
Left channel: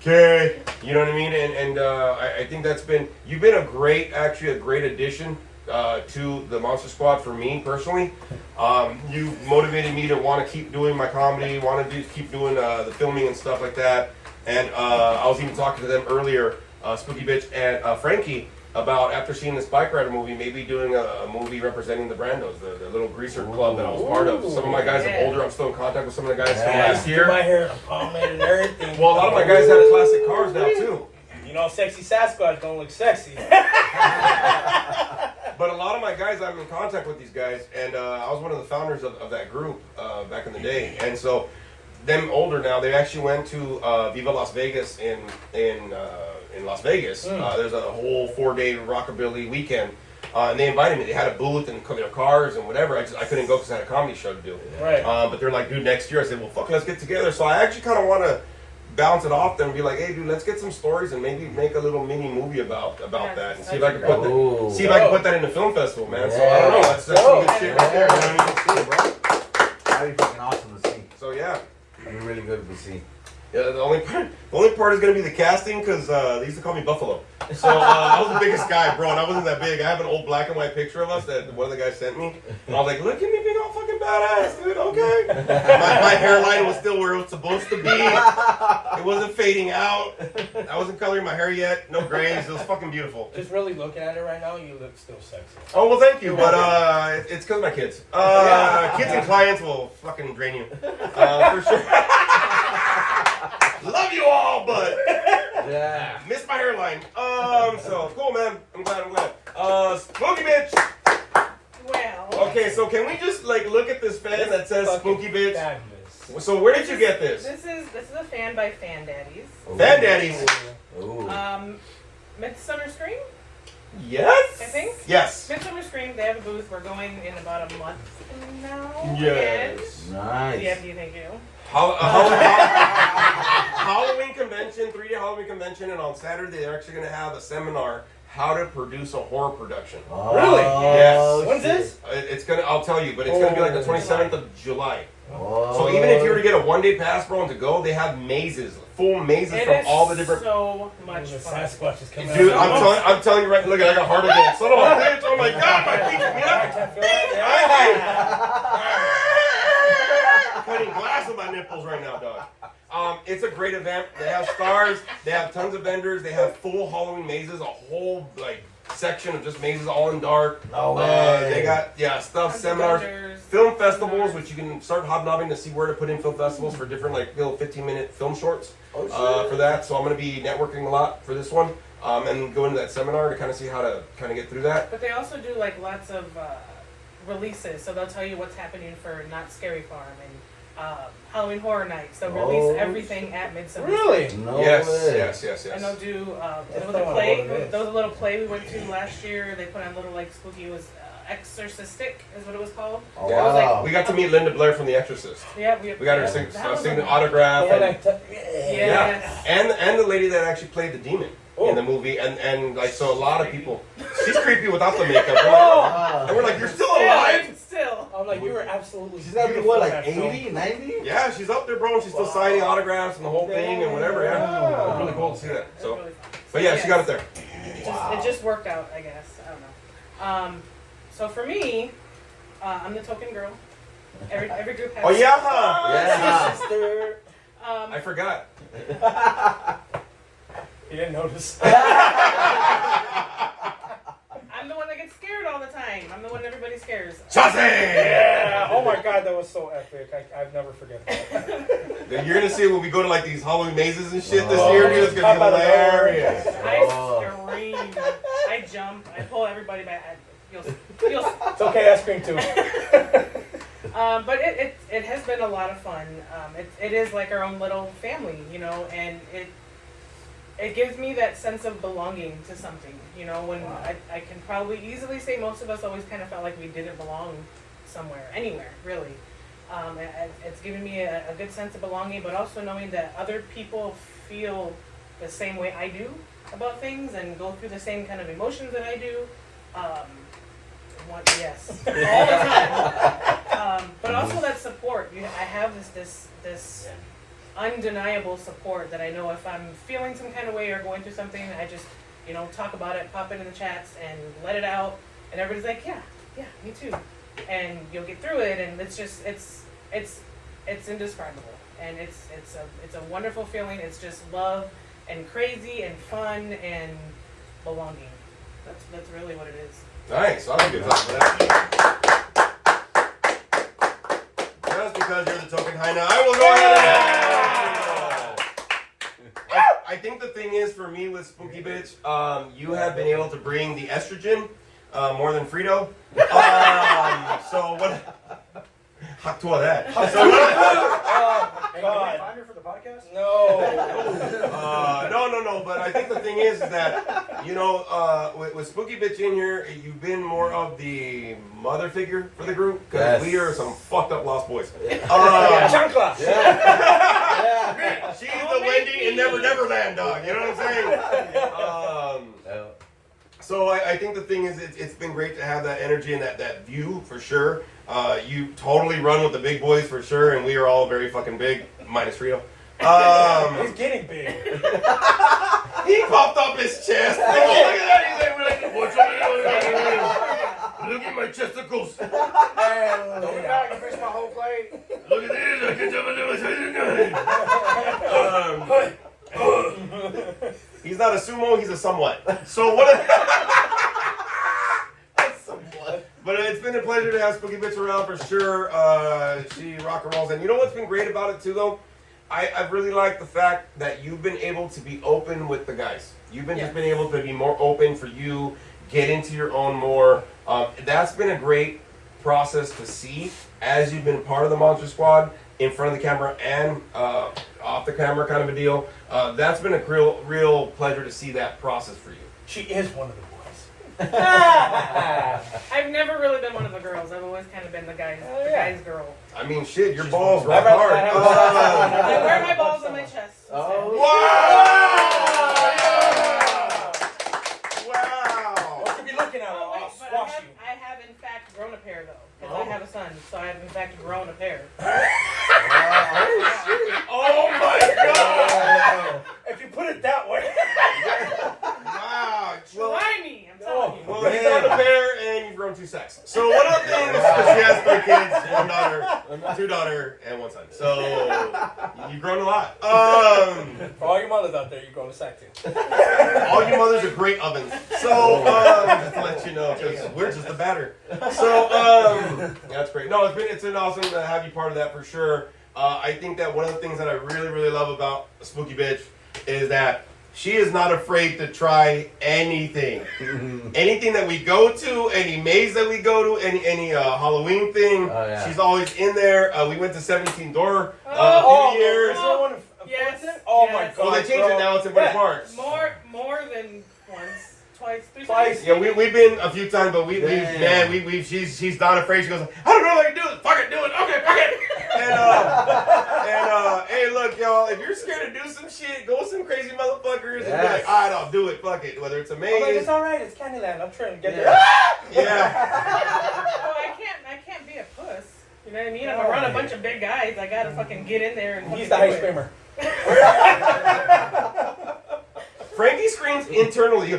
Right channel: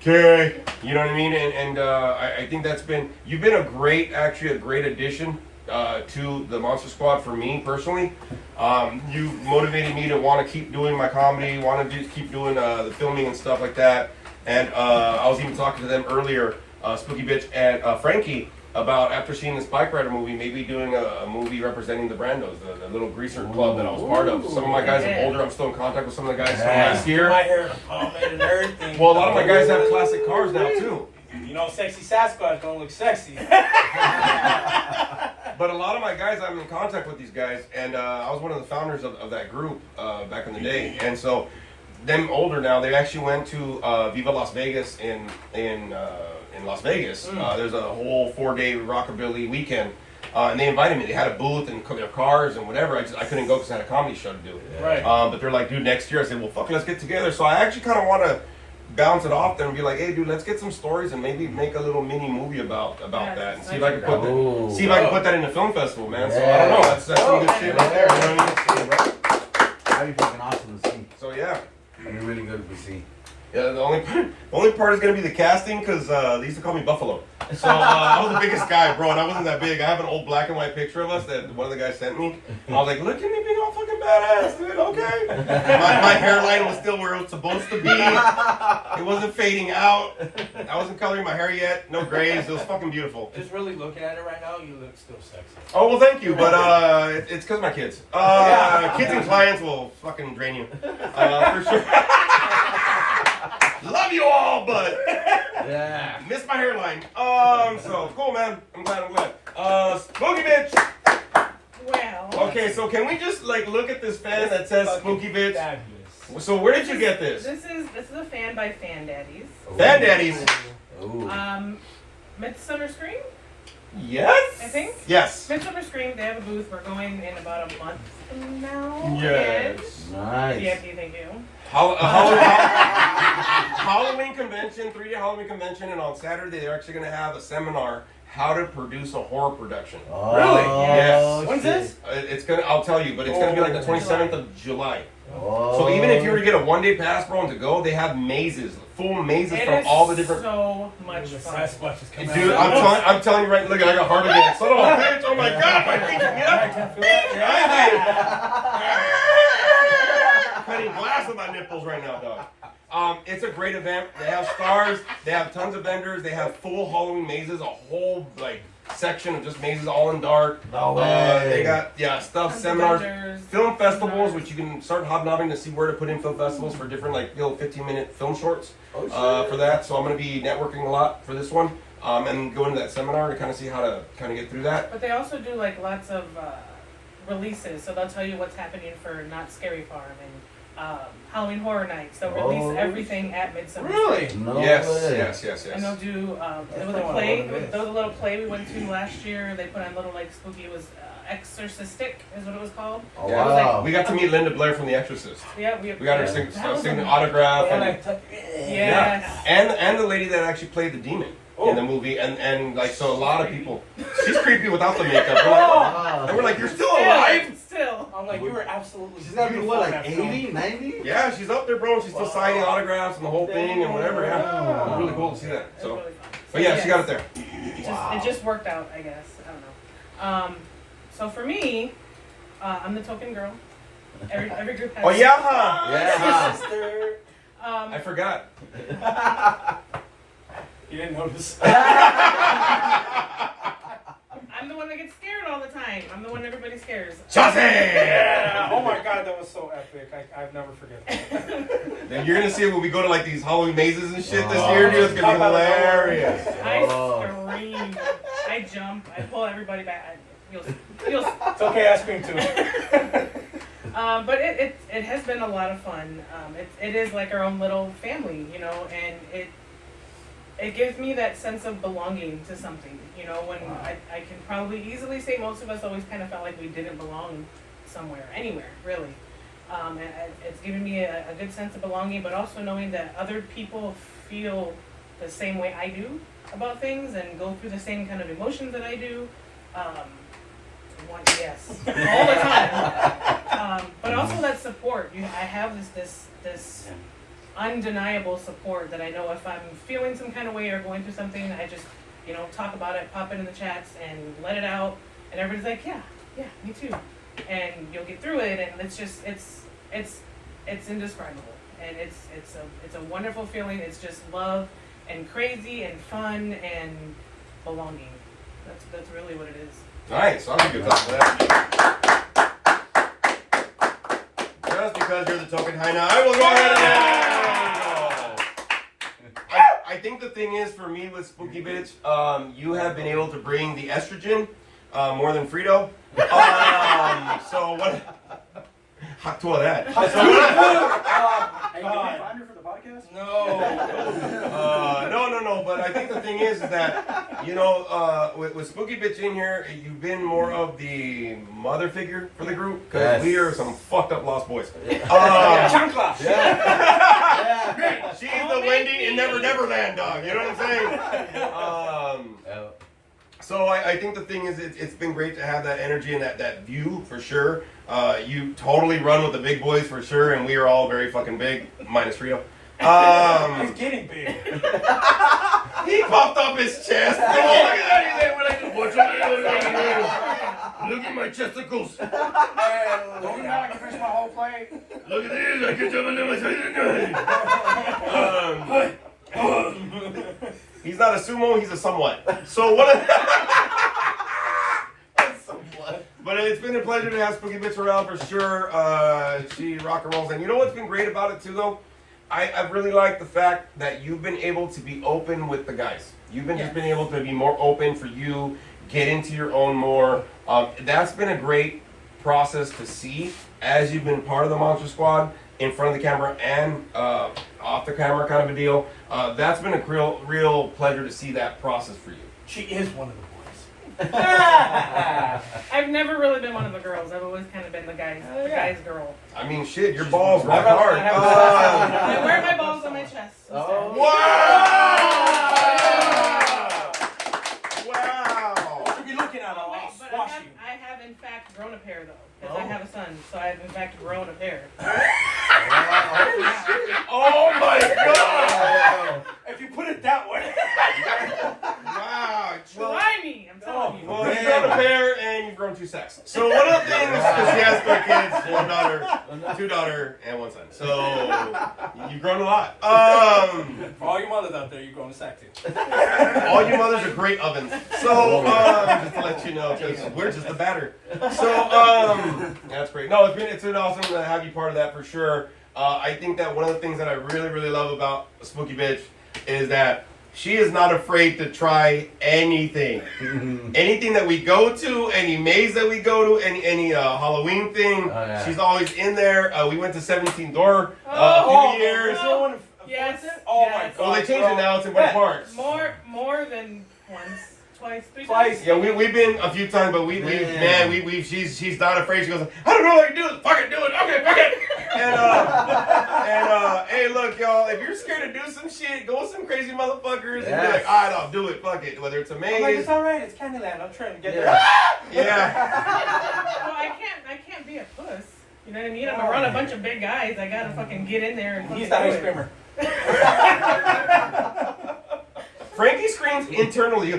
Okay. You know what I mean? And I think you've been a great addition to the Monster Squad for me personally. You motivated me to want to keep doing my comedy, keep doing the filming and stuff like that. And I was even talking to them earlier, Spooky Bitch and Frankie, about after seeing this Bike Rider movie, maybe doing a movie representing the Brandos, the little greaser club that I was part of. Some of my guys are older. I'm still in contact with some of the guys from last year. My hair pomade and everything. Well, a lot of my guys have classic cars now too. You know, sexy Sasquatch don't look sexy. But a lot of my guys, I'm in contact with these guys, and I was one of the founders of that group back in the day. And so, them older now, they actually went to Viva Las Vegas in Las Vegas. There's a whole 4-day rockabilly weekend, and they invited me. They had a booth and their cars and whatever. I couldn't go because I had a comedy show to do. Right. But they're like, dude, next year. I said, well, fuck, let's get together. So I actually kind of want to bounce it off them and be like, hey, dude, let's get some stories and maybe make a little mini movie about that and see if I can put that in the film festival, man. So I don't know. That's some good shit right there. You know what I mean? That'd be fucking awesome to see. So yeah. It'd be really good to see. Yeah, the only part is gonna be the casting because they used to call me Buffalo. So I was the biggest guy, bro, and I wasn't that big. I have an old black and white picture of us that one of the guys sent me. I was like, look at me being all fucking badass, dude. Okay. My hairline was still where it was supposed to be. It wasn't fading out. I wasn't coloring my hair yet. No grays. It was fucking beautiful. Just really looking at it right now, you look still sexy. Oh well, thank you, but it's because of my kids. Kids and clients will fucking drain you, for sure. Love you all, but Yeah. missed my hairline. So cool, man. I'm glad. Spooky Bitch. Well, Okay, so can we just like look at this fan that says Spooky Bitch? Fabulous. So where did you get this? this is a fan by Fan Daddies. Fan Daddies. Ooh. Midsummer Scream, Yes. I think. Yes. Midsummer Scream. They have a booth. We're going in about a month from now. Yes. Nice. Yeah, thank you. Halloween convention, 3-day Halloween convention, and on Saturday they're actually going to have a seminar how to produce a horror production. Oh, Really? Yes. When's shit. this? It's gonna. I'll tell you, but it's gonna be like the 27th of July. Oh, So even if you were to get a a 1-day pass, bro, and to go, they have mazes, full mazes It from is all the different. so The much fun. Sasquatch is coming Dude, out. I'm telling you right. Look, I got heart again. Son of a bitch! Oh my god, my feet! I can feel it. I'm cutting glass with my nipples right now, dog. It's a great event. They have stars. They have tons of vendors. They have full Halloween mazes, a whole like section of just mazes, all in dark. No way. They got stuff, Tons of seminars, vendors, film festivals, seminars. which you can start hobnobbing to see where to put in film festivals for different like 15-minute film shorts Oh, shit. for that. So I'm gonna be networking a lot for this one. And go into that seminar to kind of see how to kind of get through that. But they also do like lots of releases, so they'll tell you what's happening for Not Scary Farm and Halloween Horror Nights. They'll release Oh. everything at Midsummer. Really? No Yes, way. yes. And they'll do there was I a don't play. know what it is. There was a little play we went to last year. They put on little like spooky. It was Exorcistic is what it was called. Oh, Yeah. wow. We got to meet Linda Blair from The Exorcist. Yeah, We got her yeah. sign That was an a- autograph. The one And, I took. Yes. and the lady that actually played the demon in the Oh. movie. And like, so a lot of people. She's creepy without the makeup. We're like, Wow. and we're like, you're still Still, alive? Still. I'm like, you were absolutely. She's got to be beautiful what, in like that film. 80, 90? Yeah, she's up there, bro. And she's still signing autographs and the whole thing and whatever. Yeah, it was really cool to see that. It was So, really fun. but yeah, So, she got it there. It just worked out, I guess. I don't know. So for me, I'm the token girl. Every group has. Oh yeah. Yeah. I forgot. You didn't notice. I'm the one that gets scared all the time. I'm the one everybody scares. Chauncey! Yeah. Oh my god, that was so epic. I've never forget that. Then you're gonna see it when we go to like these Halloween mazes and shit this Oh. year, dude. It's gonna be Talk about it. hilarious. I Oh. scream. I jump. I pull everybody back. You'll It's okay, I scream too. but it has been a lot of fun. It is like our own little family, you know, and it gives me that sense of belonging to something, you know, when I can probably easily say most of us always kind of felt like we didn't belong somewhere, anywhere, really. And it's given me a good sense of belonging, but also knowing that other people feel the same way I do about things and go through the same kind of emotions that I do. Yes, all the time. But also that support. I have this undeniable support that I know if I'm feeling some kind of way or going through something, I just talk about it, pop it in the chats, and let it out, and everybody's like, yeah, me too, and you'll get through it, and it's just it's indescribable, and it's a wonderful feeling. It's just love and crazy and fun and belonging. That's really what it is. Nice. I'll give you a clap for that. Just because you're the token high now, I will go ahead and I think the thing is for me with Spooky Bitch, you have been able to bring the estrogen more than Frito. So what? Hot to that. Hey, can we God. find her for the podcast? No. No. But I think the thing is that with Spooky Bitch in here, you've been more of the mother figure for the group because Yes. we are some fucked up lost boys. Chancla. Yeah. She's the Wendy in Never Neverland dog. You know what I'm saying? So I think the thing is it's been great to have that energy and that view for sure. You totally run with the big boys for sure, and we are all very fucking big, minus Rio. He's getting big. He popped up his chest. Oh, look at that! He's like, look at my chesticles. Don't knock, you finished my whole plate. Look at this! I can jump a He's not a sumo. He's a somewhat. So what? But it's been a pleasure to have Spooky Bitch around for sure. She rock and rolls. And you know what's been great about it too, though? I really like the fact that you've been able to be open with the guys. You've been just been able to be more open for you, get into your own more. That's been a great process to see as you've been part of the Monster Squad, in front of the camera and off the camera kind of a deal. That's been a real pleasure to see that process for you. She is one of the boys. I've never really been one of the girls. I've always kind of been the guy's girl. I mean, shit, your She's balls one. rock hard. I wear my balls on my chest. Oh. Wow! What you be looking at? Oh, wait, I'll but squash you. I have in fact grown a pair though, because I have a son, so I have in fact grown a pair. Oh, 2 daughter, and 1 son. So you've grown a lot. For all your mothers out there, you're going to sack too. All you mothers are great ovens. So just to let you know, because we're just the batter. So that's great. No, it's been awesome to have you part of that for sure. I think that one of the things that I really love about Spooky Bitch is that she is not afraid to try anything. Anything that we go to, any maze that we go to, any Halloween thing, she's always in there. We went to 17 Door a few years. Yes. Oh my yes. God. Well, they changed it now. It's in Winter Parks. More than once, twice, 3 Twice. times. Yeah, we've been a few times, but she's not afraid. She goes, I don't know what I can do. Fucking do it. Okay, fuck it. And hey, look, y'all, if you're scared to do some shit, go with some crazy motherfuckers and be like, all right, I'll do it. Fuck it. Whether it's a I'm like, maze. it's alright, it's Candyland. I'm trying to get there. Yeah. Well, I can't be a puss. You know what I mean? I'm around a bunch of big guys. I gotta fucking get in there and He's fucking the do ice it. creamer. Frankie screams internally.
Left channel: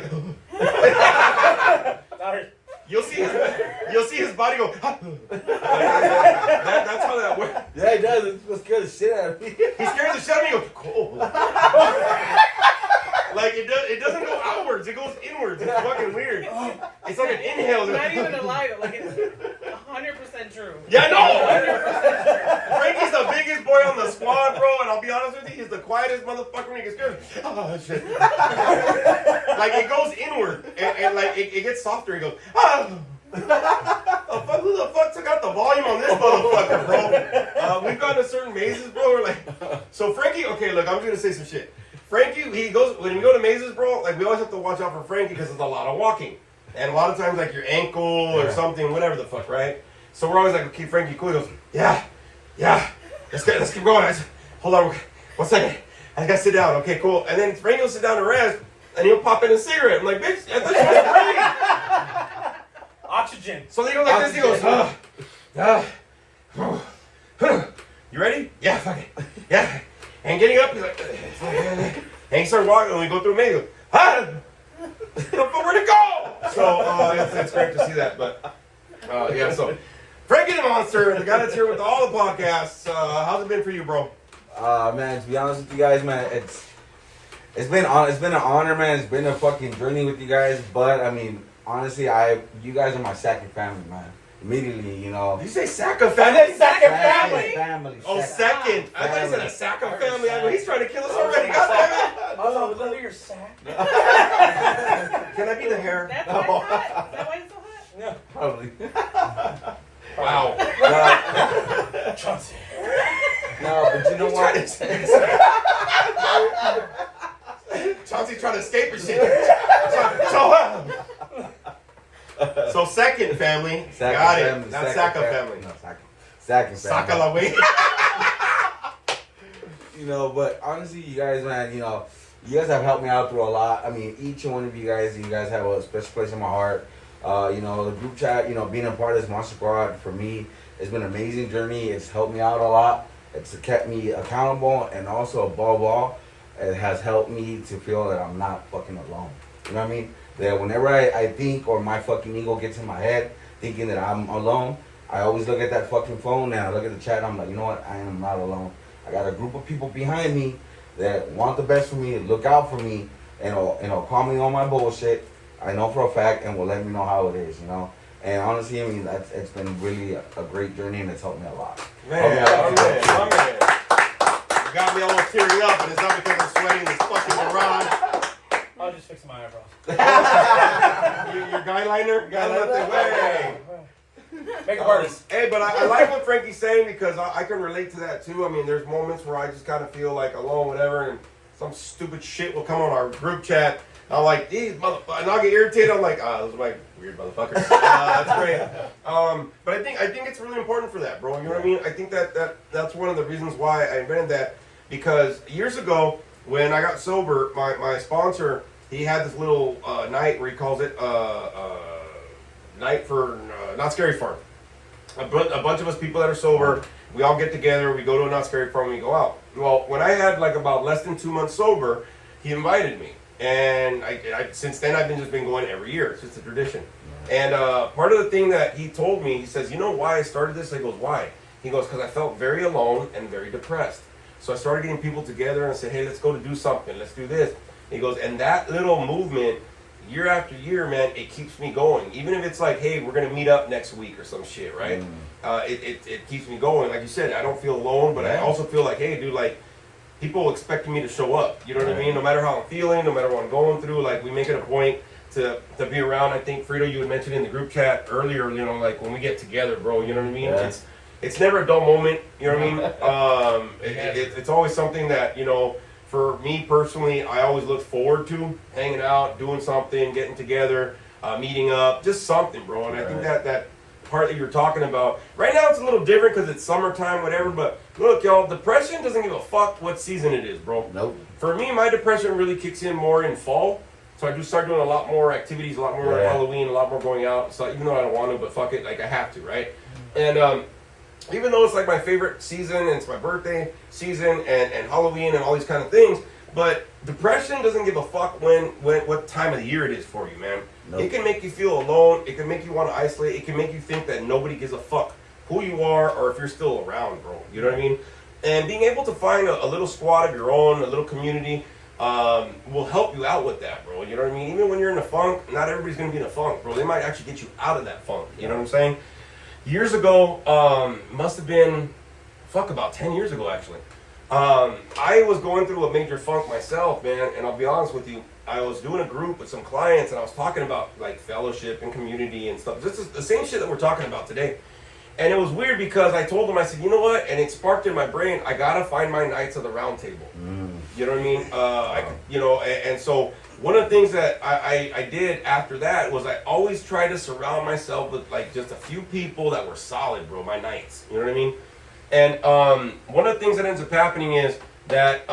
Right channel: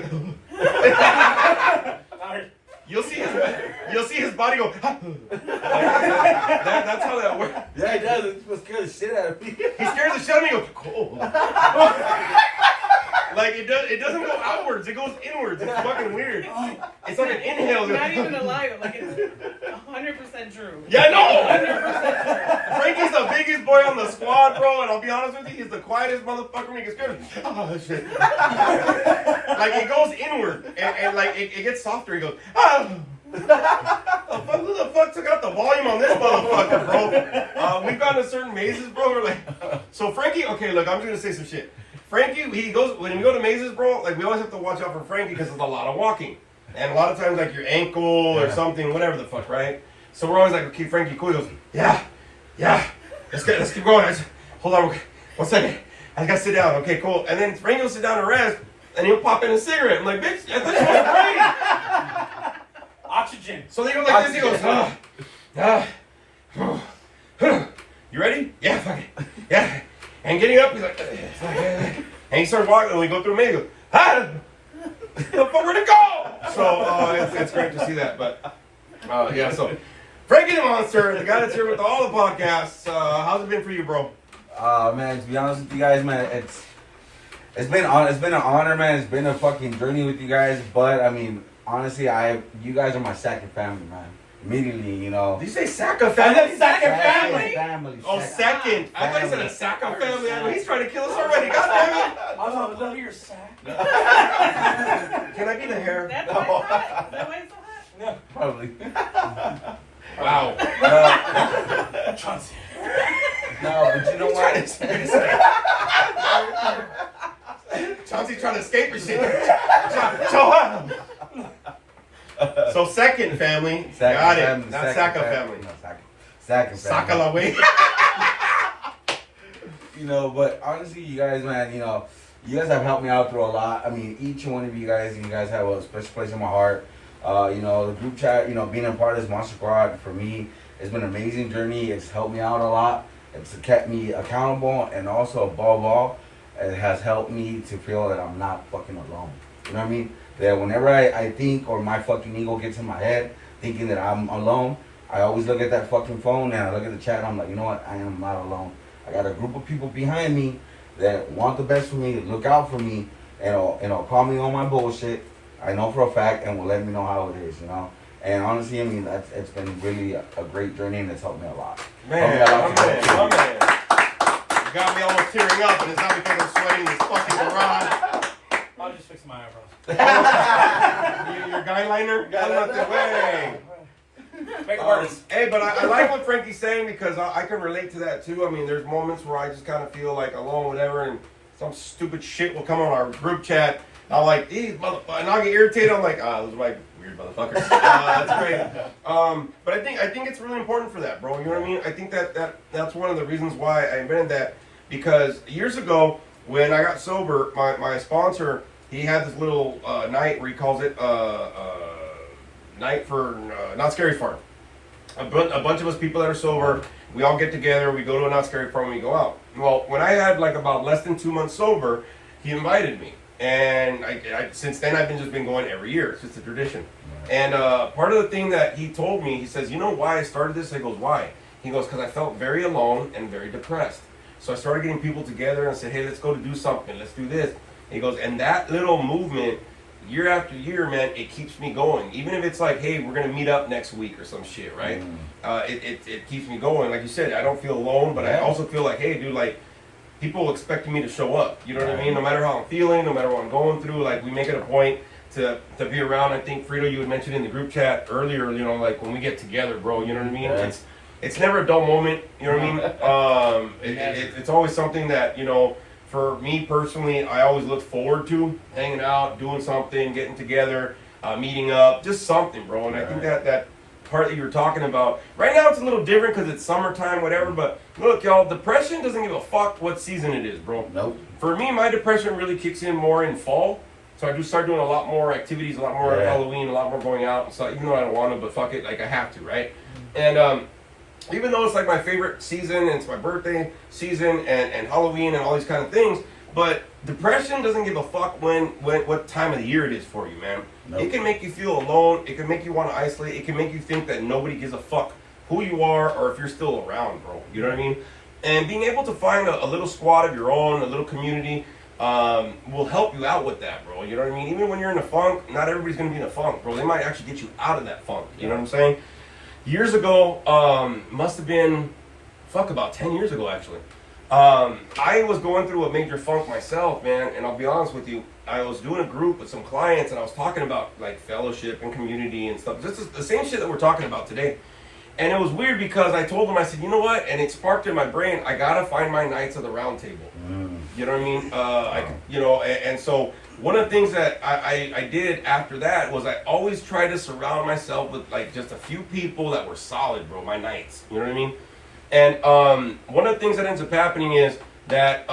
You'll see his body go. That's how that works. Yeah, he does. It would scare the shit out of me. He scares the shit out of me. He goes, cool. Like it doesn't go outwards. It goes inwards. It's fucking weird. It's like an inhale. It's not even a lie. Like it's 100% true. Yeah, I know. 100% true. Frankie's the biggest boy on the squad, bro, and I'll be honest with you, he's the quietest motherfucker when he gets scared. Oh, shit. Like, it goes inward, and like, it gets softer. He goes, who the fuck took out the volume on this motherfucker, bro? We've gotten to certain mazes, bro, we're like, so Frankie, okay, look, I'm just gonna say some shit. Frankie, when we go to mazes, bro, like, we always have to watch out for Frankie because there's a lot of walking. And a lot of times, like, your ankle or something, whatever the fuck, right? So we're always like, okay, Frankie, cool. He goes, yeah, let's keep going. Hold on, 1 second. I gotta sit down. Okay, cool. And then Frankie will sit down and rest, and he'll pop in a cigarette. I'm like, bitch, I thought you was great. Oxygen. So they go like this. He goes, you ready? Yeah, fuck it. Yeah. And getting up, he's like, and he starts walking, and we go through a maze. He goes, where'd it go? So it's great to see that. But yeah, so Frankie the Monster, the guy that's here with all the podcasts. How's it been for you, bro? Man, to be honest with you guys, man, it's been an honor, man. It's been a fucking journey with you guys. But I mean, honestly, you guys are my second family, man. Immediately, you know. Did you say Saka family? Family. Oh, second. I thought you said a Saka family. I mean, he's trying to kill us already. God damn it. I was on the hood of your sack. Can I be the hair? That's why it's hot. Is that why it's so hot? No. Probably. Wow. Chauncey. No, but you know what? Chauncey trying to escape or shit. So second family. Got it. Not Saka family. No, Saka family. Saka la way. You know, but honestly, you guys, man, you guys have helped me out through a lot. I mean, each one of you guys have a special place in my heart. The group chat, being a part of this Monster Squad, for me, it's been an amazing journey. It's helped me out a lot. It's kept me accountable, and also, above all, it has helped me to feel that I'm not fucking alone. You know what I mean? That whenever I think, or my fucking ego gets in my head, thinking that I'm alone, I always look at that fucking phone, and I look at the chat, and I'm like, you know what? I am not alone. I got a group of people behind me that want the best for me, look out for me, and call me on my bullshit. I know for a fact, and will let me know how it is, And honestly, I mean, it's been really a great journey, and it's helped me a lot. Man, my man. You got me almost tearing up, and it's not because I'm sweating this fucking garage. I was just fixing my eyebrows. Your guy liner? Way. Big artist. Hey, but I like what Frankie's saying because I can relate to that too. I mean, there's moments where I just kind of feel like alone, whatever, and some stupid shit will come on our group chat. I'm like, these motherfuckers, and I'll get irritated. I'm like, those are my weird motherfuckers. That's great. But I think it's really important for that, bro. You know what I mean? I think that's one of the reasons why I invented that, because years ago when I got sober, my sponsor, he had this little night where he calls it night for Not Scary Farm. A bunch of us people that are sober, we all get together, we go to a Not Scary Farm, and we go out. Well, when I had like about less than 2 months sober, he invited me. And I since then, I've just been going every year. It's just a tradition. And part of the thing that he told me, he says, you know why I started this? I goes, why? He goes, because I felt very alone and very depressed. So I started getting people together and said, hey, let's go to do something. Let's do this. He goes, and that little movement, year after year, man, it keeps me going. Even if it's like, hey, we're going to meet up next week or some shit, right? It keeps me going. Like you said, I don't feel alone, but I also feel like, hey, dude, like, people expecting me to show up. You know what I mean? No matter how I'm feeling, no matter what I'm going through, like, we make it a point to be around. I think, Frito, you had mentioned in the group chat earlier, you know, like, when we get together, bro, you know what I mean? Yeah. It's never a dull moment, you know what I mean? It's always something that, you know, for me personally, I always look forward to hanging out, doing something, getting together, meeting up, just something, bro. And I think that part that you were talking about, right now it's a little different because it's summertime, whatever, but look, y'all, depression doesn't give a fuck what season it is, bro. Nope. For me, my depression really kicks in more in fall. So I do start doing a lot more activities, a lot more Halloween, a lot more going out. So even though I don't want to, but fuck it, like I have to, right? And even though it's like my favorite season and it's my birthday season and Halloween and all these kind of things, but depression doesn't give a fuck what time of the year it is for you, man. Nope. It can make you feel alone. It can make you want to isolate. It can make you think that nobody gives a fuck who you are or if you're still around, bro. You know what I mean? And being able to find a little squad of your own, a little community, will help you out with that, bro. You know what I mean? Even when you're in a funk, not everybody's going to be in a funk, bro. They might actually get you out of that funk. You know what I'm saying? Years ago, must have been, about 10 years ago, actually. I was going through a major funk myself, man, and I'll be honest with you, I was doing a group with some clients, and I was talking about, like, fellowship and community and stuff. This is the same shit that we're talking about today. And it was weird because I told them, I said, you know what? And it sparked in my brain, I gotta find my Knights of the Round Table. You know what I mean? And so one of the things that I did after that was I always tried to surround myself with, like, just a few people that were solid, bro, my Knights. You know what I mean? And one of the things that ends up happening is that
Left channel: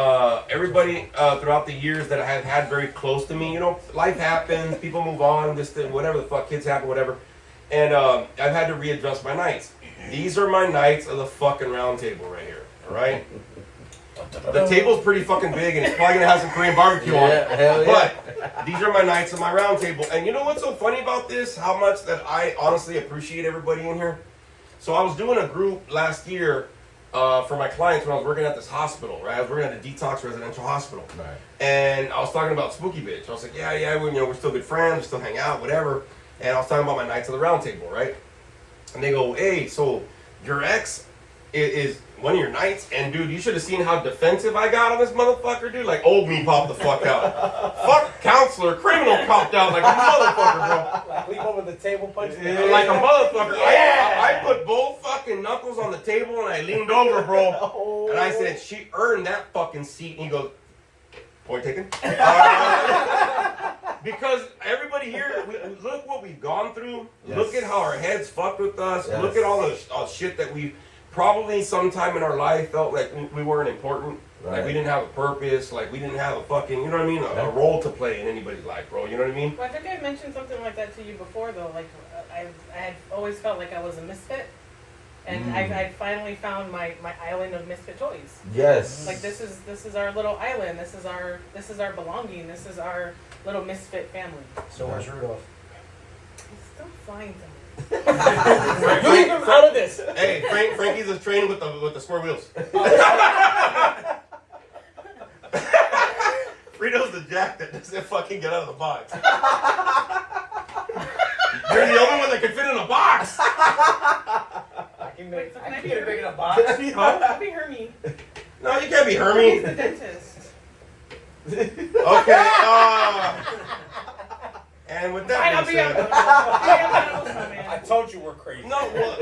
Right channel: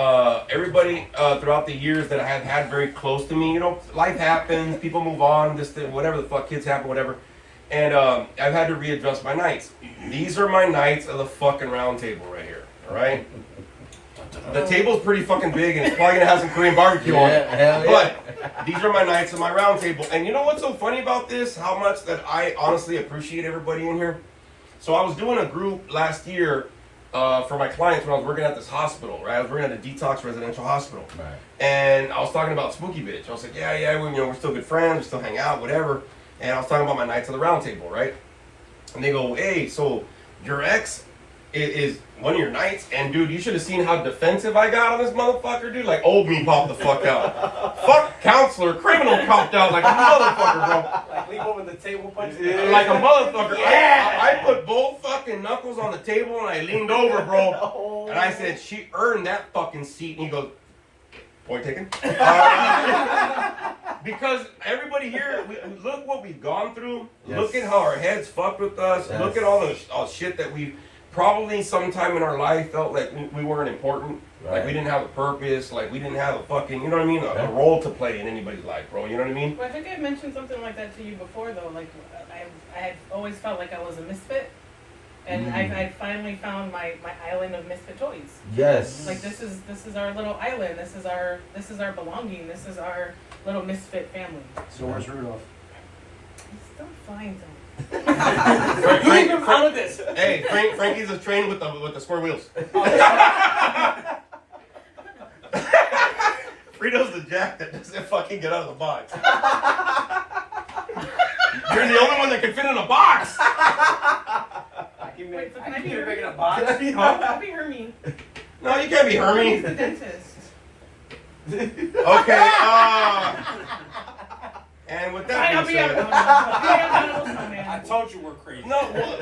everybody throughout the years that I have had very close to me, you know, life happens, people move on, whatever the fuck, kids happen, whatever. And I've had to readjust my Knights. These are my Knights of the fucking Round Table right here, all right? The table's pretty fucking big and it's probably gonna have some Korean barbecue on it. Hell yeah. But these are my Knights of my Round Table. And you know what's so funny about this? How much that I honestly appreciate everybody in here. So I was doing a group last year for my clients when I was working at this hospital, right? I was working at a detox residential hospital. Right. And I was talking about Spooky Bitch. I was like, yeah, we're still good friends, we still hang out, whatever. And I was talking about my Knights of the Round Table, right? And they go, hey, so your ex is one of your Knights? And dude, you should have seen how defensive I got on this motherfucker, dude. Like, old me popped the fuck out. Fuck counselor, criminal popped out like a motherfucker, bro. Like leap over the table, punch Like a motherfucker. I put both fucking knuckles on the table and I leaned over, bro. And I said, she earned that fucking seat. And he goes, point taken. Because everybody here, look what we've gone through. Yes. Look at how our heads fucked with us. Yes. Look at all the shit that we probably sometime in our life felt like we weren't important. Right. Like we didn't have a purpose. Like we didn't have a fucking, you know what I mean? A role to play in anybody's life, bro. You know what I mean? Well, I think I mentioned something like that to you before, though. Like, I had always felt like I was a misfit, and I finally found my island of misfit toys. Yes. Like this is our little island. This is our belonging. This is our little misfit family. So where's Rudolph? It's still flying to me. Leave him out of this. Hey, Frankie's a train with the square wheels. Frito's the jack that doesn't fucking get out of the box. You're the only one that can fit in a box. Wait, so can I be You're Hermie? making a box. I'll be Hermie. No, you can't be Hermie's Hermie. the dentist. Okay. And with Fine, that I'll being be a said, I snowman. told you we're crazy. no,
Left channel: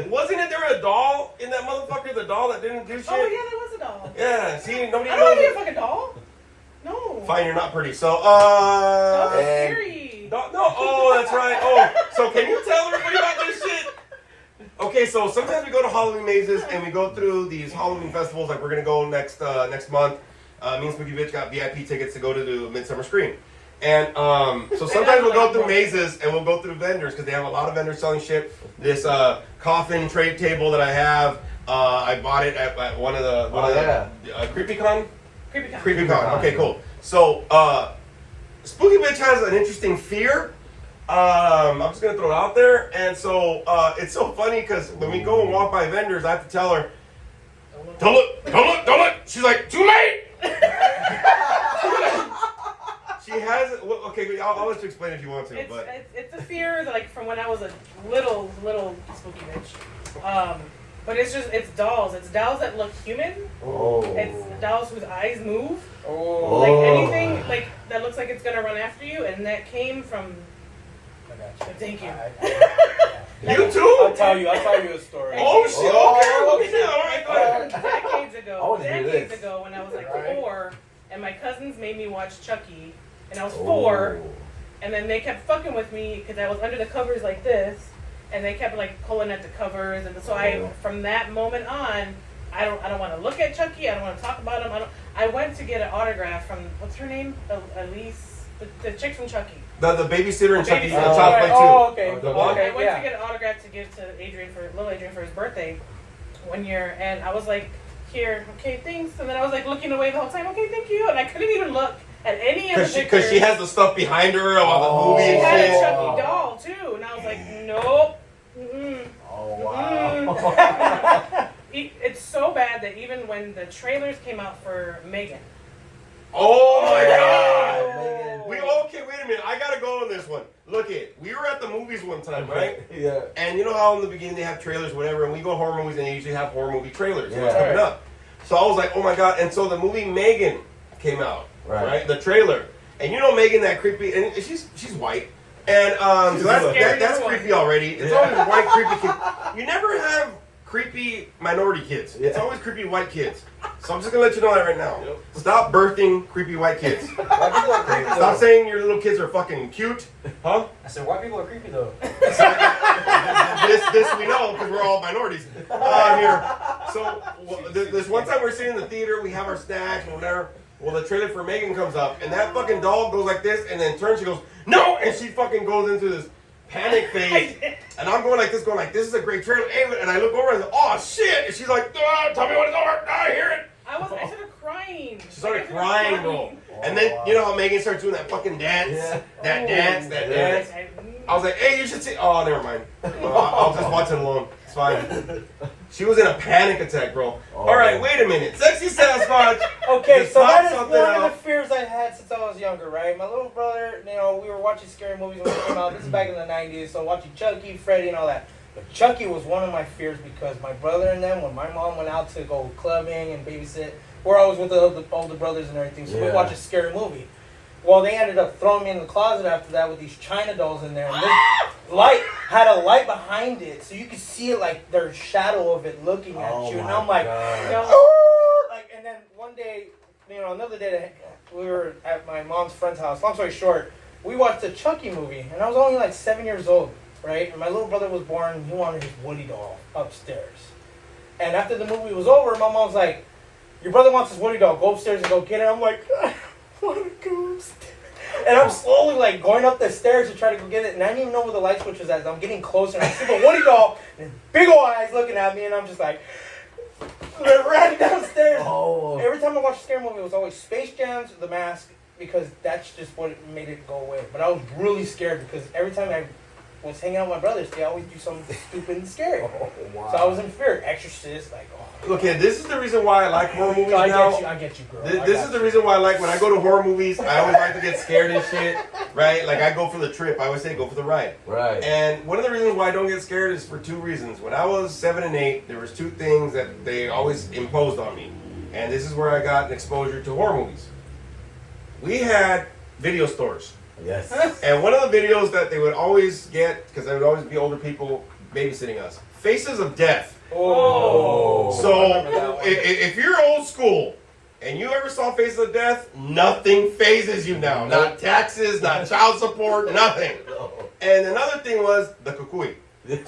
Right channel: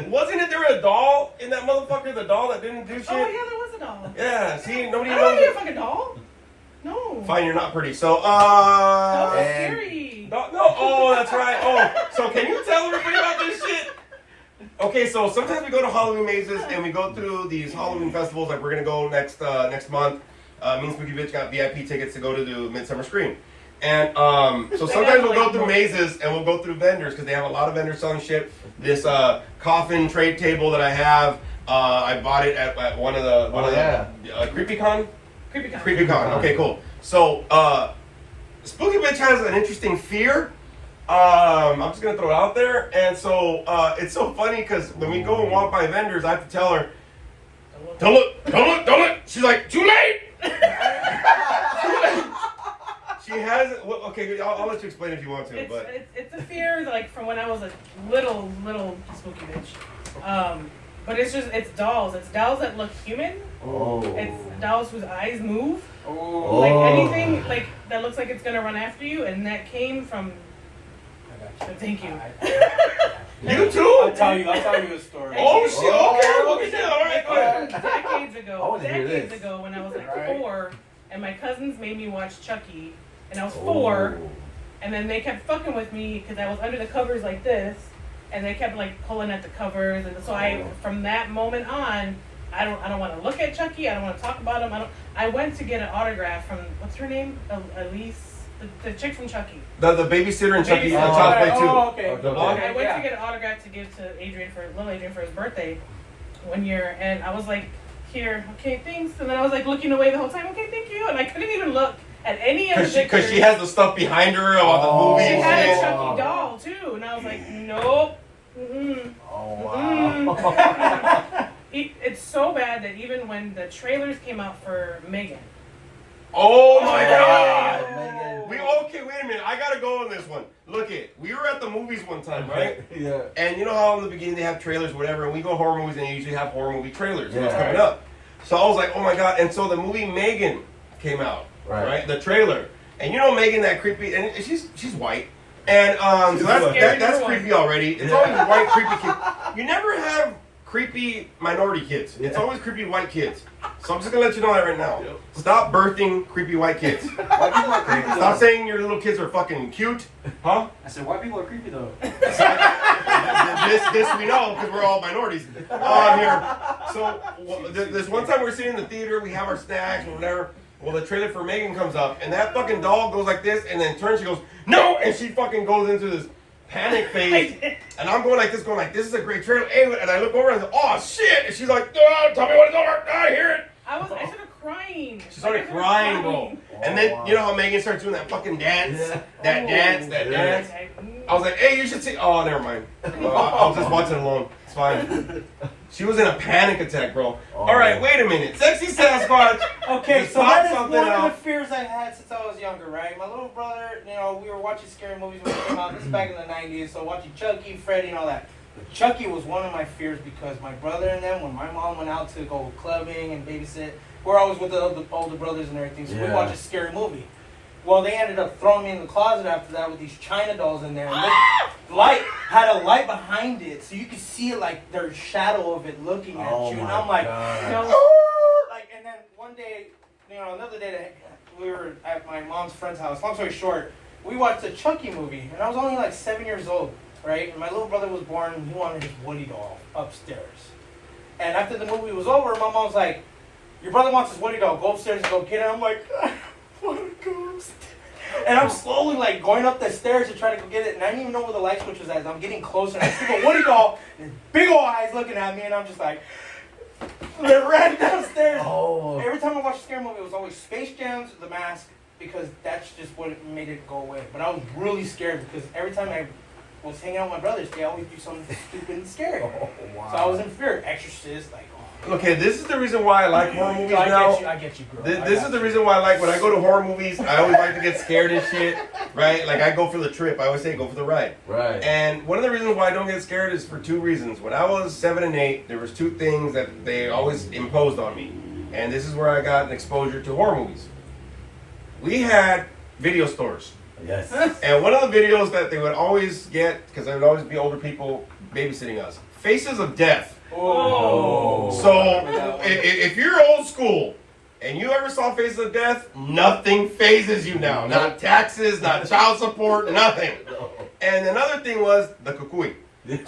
wasn't it there a doll in that motherfucker? The doll that didn't do shit. Oh yeah, there was a doll. Yeah. See, nobody I don't want to be a knows. fucking doll. No. Fine, you're not pretty. So, That was And- scary. No, oh, that's right. Oh, so can you tell everybody about this shit? Okay, so sometimes we go to Halloween mazes and we go through these Halloween festivals. Like we're gonna go next month. Me and Spooky Bitch got VIP tickets to go to the Midsummer Scream. And so sometimes we'll go through mazes and we'll go through vendors because they have a lot of vendors selling shit. This coffin trade table that I have, I bought it at one of the CreepyCon. CreepyCon. CreepyCon. Okay, cool. So Spooky Bitch has an interesting fear. I'm just gonna throw it out there, and so it's so funny because when we go and walk by vendors, I have to tell her, Don't look, don't look, don't look. She's like, too late. Too late. She has it. Well, okay, I'll let you explain if you want to. But It's a fear like from when I was a little spooky bitch. But it's dolls. It's dolls that look human. Oh. It's dolls whose eyes move. Oh. Like anything like that looks like it's gonna run after you, and that came from. I got you. Thank you. you too? I'll tell you a story. Oh shit! Okay, look at that. All right, Like, go ahead. decades I wanna hear decades this. ago, when I was like Right. 4, and my cousins made me watch Chucky, and I was 4, and then they kept fucking with me because I was under the covers like this, and they kept like pulling at the covers, and so from that moment on, I don't want to look at Chucky. I don't want to talk about him. I went to get an autograph from what's her name, Elise, the chick from Chucky. The babysitter and Chucky Babysitter. Child's Play 2. Oh, okay. Okay. I went yeah. to get an autograph to give to little Adrian for his birthday one year, and I was like, here, okay, thanks. And then I was like looking away the whole time, okay, thank you. And I couldn't even look at any of the pictures. Because she has the stuff behind her about the movie She and had a shit. Chucky doll too, and I was like, nope. Mm-mm. Oh wow. Mm-mm. It's so bad that even when the trailers came out for Megan, Oh my god! Megan. Okay, wait a minute. I gotta go on this one. Look we were at the movies one time, right? Yeah. And you know how in the beginning they have trailers, whatever, and we go to horror movies and they usually have horror movie trailers. What's Yeah. coming up? So I was like, oh my god. And so the movie Megan came out, right? The trailer. And you know Megan, that creepy, and she's white. And so that's creepy already. It's always a white creepy kid. You never have creepy minority kids. It's always creepy white kids. So I'm just gonna let you know that right now. Stop birthing creepy white kids. Why people are creepy Stop though? saying your little kids are fucking cute, huh? I said, white people are creepy though. this we know because we're all minorities here. So there's one time we're sitting in the theater, we have our snacks and whatever. Well, the trailer for Megan comes up, and that fucking doll goes like this, and then turns. She goes, "No!" and she fucking goes into this panic phase. And I'm going like this, "This is a great trailer." And I look over and I say, "Oh shit!" And she's like, "Oh, tell me what it's over. I hear it." I started crying. She started crying, bro. And then you know how Megan starts doing that fucking dance, that dance. I was like, "Hey, you should see." Oh, never mind. I'll just watch it alone. It's fine. She was in a panic attack, bro. All right, wait a minute. Sexy Sasquatch. Okay, Just so pop that is something one of out. the fears I had since I was younger, right? My little brother, we were watching scary movies when they came out. This is back in the 90s, so watching Chucky, Freddy, and all that. But Chucky was one of my fears because my brother and them, when my mom went out to go clubbing and babysit, we're always with the older brothers and everything, so we watch a scary movie. Well, they ended up throwing me in the closet after that with these China dolls in there. And this light had a light behind it, so you could see it like there's shadow of it looking at you. And I'm like, and then one day, another day, we were at my mom's friend's house. Long story short, we watched a Chucky movie, and I was only like 7 years old, right? And my little brother was born, he wanted his Woody doll upstairs. And after the movie was over, my mom's like, "Your brother wants his Woody doll, go upstairs and go get it." I'm like, I want to go upstairs. And I'm slowly like going up the stairs to try to go get it, and I didn't even know where the light switch was at. So I'm getting closer, and I see the Woody doll, and his big old eyes looking at me, and I'm just like, ran downstairs. Oh. Every time I watched a scary movie, it was always Space Jam, The Mask, because that's just what made it go away. But I was really scared because every time I was hanging out with my brothers, they always do something stupid and scary. Wow. So I was in fear. Exorcist, like, Okay, this is the reason why I like horror movies now. I get you, girl. This is the reason why I like when I go to horror movies. I always like to get scared and shit, right? Like I go for the trip. I always say go for the ride. Right. And one of the reasons why I don't get scared is for 2 reasons. When I was 7 and 8, there was 2 things that they always imposed on me, and this is where I got an exposure to horror movies. We had video stores, Yes. and one of the videos that they would always get, because there would always be older people babysitting us, Faces of Death. Oh. So if you're old school and you ever saw Faces of Death, nothing phases you now. Not taxes, not child support, nothing. And another thing was the kukui.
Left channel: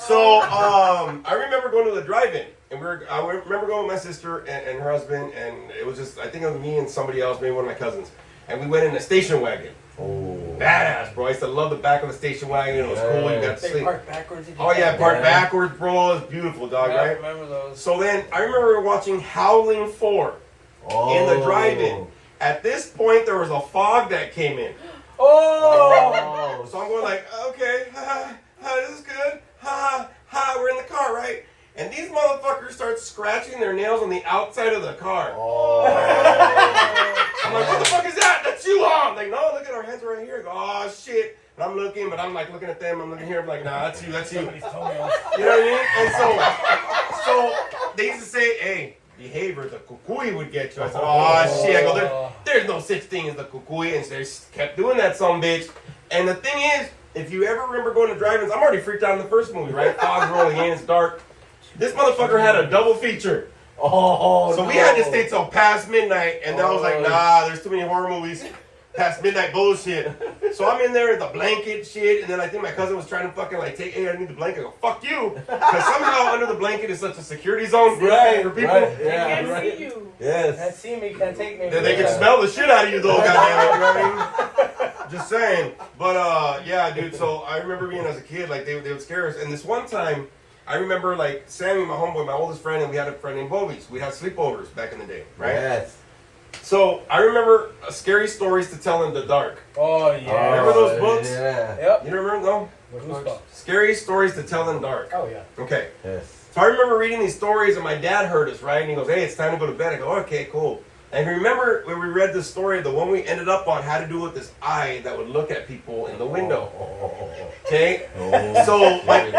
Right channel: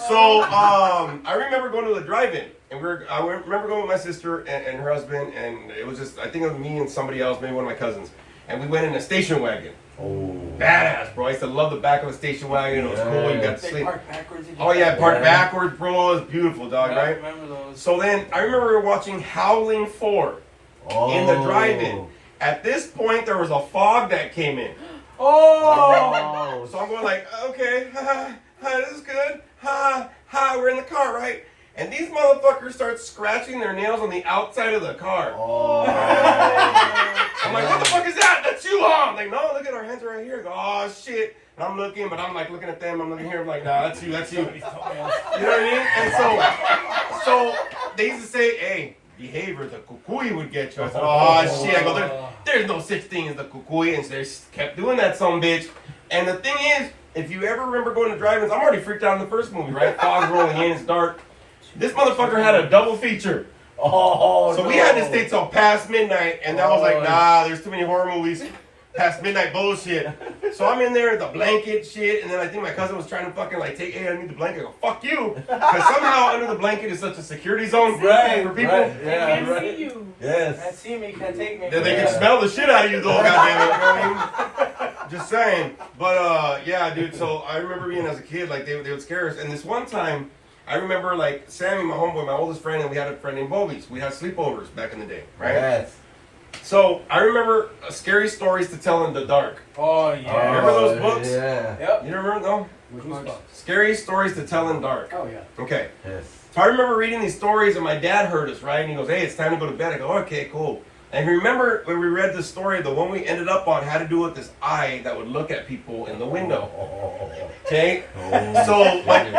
So I remember going to the drive-in, and I remember going with my sister and her husband, and it was just, I think it was me and somebody else, maybe one of my cousins, and we went in a station wagon. Oh. Badass, bro. I used to love the back of the station wagon. It was cool. You got to They sleep. park backwards. Oh yeah, park backwards, bro. It's beautiful, dog. I Right? remember those. So then I remember watching Howling 4 in the drive-in. At this point, there was a fog that came in. Oh. So I'm going like, okay, this is good. We're in the car, right? and these motherfuckers start scratching their nails on the outside of the car. Oh. I'm like, what the fuck is that? That's you, huh? I'm like, no, look at our hands right here. I go, oh shit. And I'm looking, but I'm like looking at them. I'm looking here. I'm like, nah, that's you. That's you. Somebody's toenails. You know what I mean? And so they used to say, hey, behavior, the kukui would get you. I said, oh shit. I go, there's no such thing as the kukui. And so they kept doing that, some bitch. And the thing is, if you ever remember going to drive-ins, I'm already freaked out in the first movie, right? Fog's rolling in, it's dark. This motherfucker had a double feature. Oh, So no. we had to stay till past midnight, and that was like, nah, there's too many horror movies. Past midnight bullshit. So I'm in there with the blanket shit, and then I think my cousin was trying to fucking like take, hey, I need the blanket. I go, fuck you. Because somehow under the blanket is such a security zone Right, for people. right, They yeah, can't right. see you. Can't Yes. see me, can't take me. That they Yeah. can smell the shit out of you though, goddamn it. You know what I mean? Just saying. But yeah, dude, so I remember being as a kid, like they would scare us. And this one time, I remember like Sammy, my homeboy, my oldest friend, and we had a friend named Bobies. We had sleepovers back in the day, right? Yes. So I remember scary stories to tell in the dark. Oh, yeah. Remember those books? Yeah. Yep. You remember them? Which Goosebumps. ones? Scary stories to tell in dark. Oh yeah. Okay. Yes. So I remember reading these stories, and my dad heard us, right? And he goes, hey, it's time to go to bed. I go, okay, cool. And remember when we read the story, the one we ended up on had to do with this eye that would look at people in the window. Okay? So, like,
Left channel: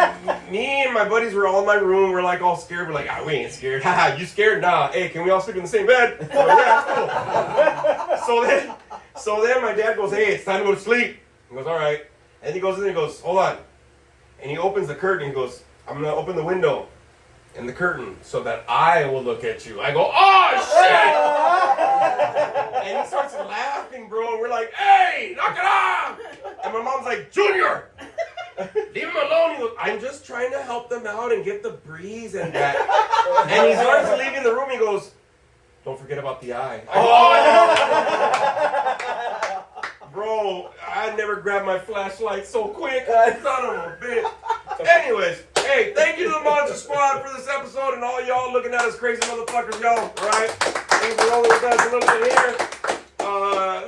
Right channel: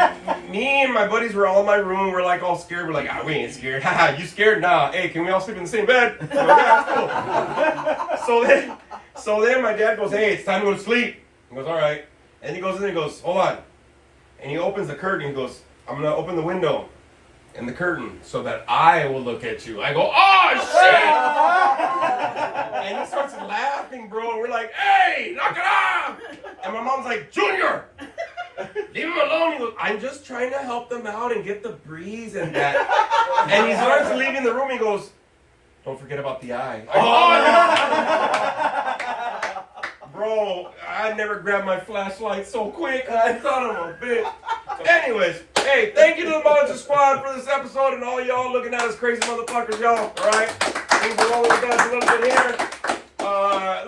me and my buddies were all in my room. We're like all scared. We're like, ah, we ain't scared. Haha, you scared? Nah. Hey, can we all sleep in the same bed? I'm like, yeah, cool. So then my dad goes, hey, it's time to go to sleep. He goes, all right. And he goes in there and he goes, hold on. And he opens the curtain. He goes, I'm going to open the window and the curtain so that I will look at you. I go, oh, shit! And he starts laughing, bro. And we're like, hey, knock it off! And my mom's like, Junior! Leave him alone. He goes, I'm just trying to help them out and get the breeze and that. And he starts leaving the room. He goes, don't forget about the eye. Bro, I never grabbed my flashlight so quick. I thought of a bit. Anyways, hey, thank you to the Monster Squad for this episode and all y'all looking at us crazy motherfuckers, y'all. All right? Thanks for rolling with us a little bit here.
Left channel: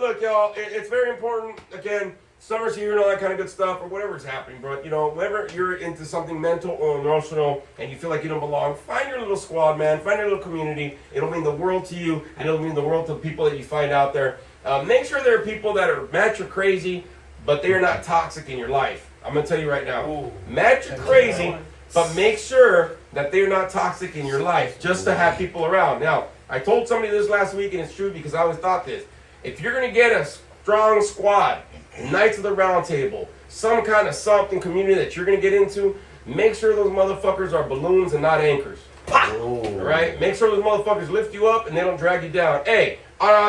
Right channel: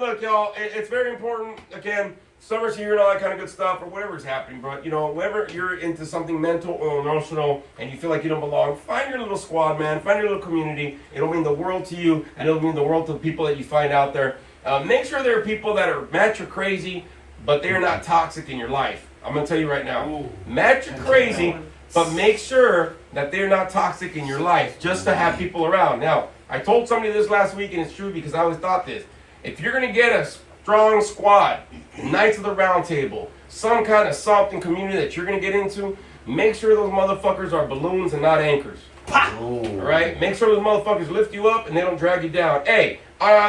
Look, y'all, it's very important. Again, summer's here and all that kind of good stuff, or whatever's happening. But, you know, whenever you're into something mental or emotional and you feel like you don't belong, find your little squad, man. Find your little community. It'll mean the world to you, and it'll mean the world to the people that you find out there. Make sure there are people that are match or crazy, but they're not toxic in your life. I'm going to tell you right now. Match or crazy, but make sure that they're not toxic in your life just to have people around. Now, I told somebody this last week, and it's true because I always thought this. If you're going to get a strong squad, Knights of the Round Table, some kind of something community that you're going to get into, make sure those motherfuckers are balloons and not anchors. All right? Make sure those motherfuckers lift you up and they don't drag you down. Hey,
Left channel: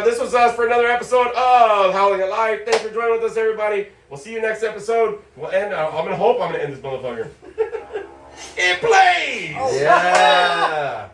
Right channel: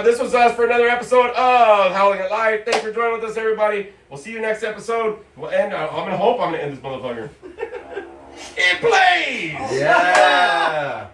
this was us for another episode of Howling at Life. Thanks for joining with us, everybody. We'll see you next episode. We'll end. I'm going to hope I'm going to end this motherfucker. It plays! Yeah.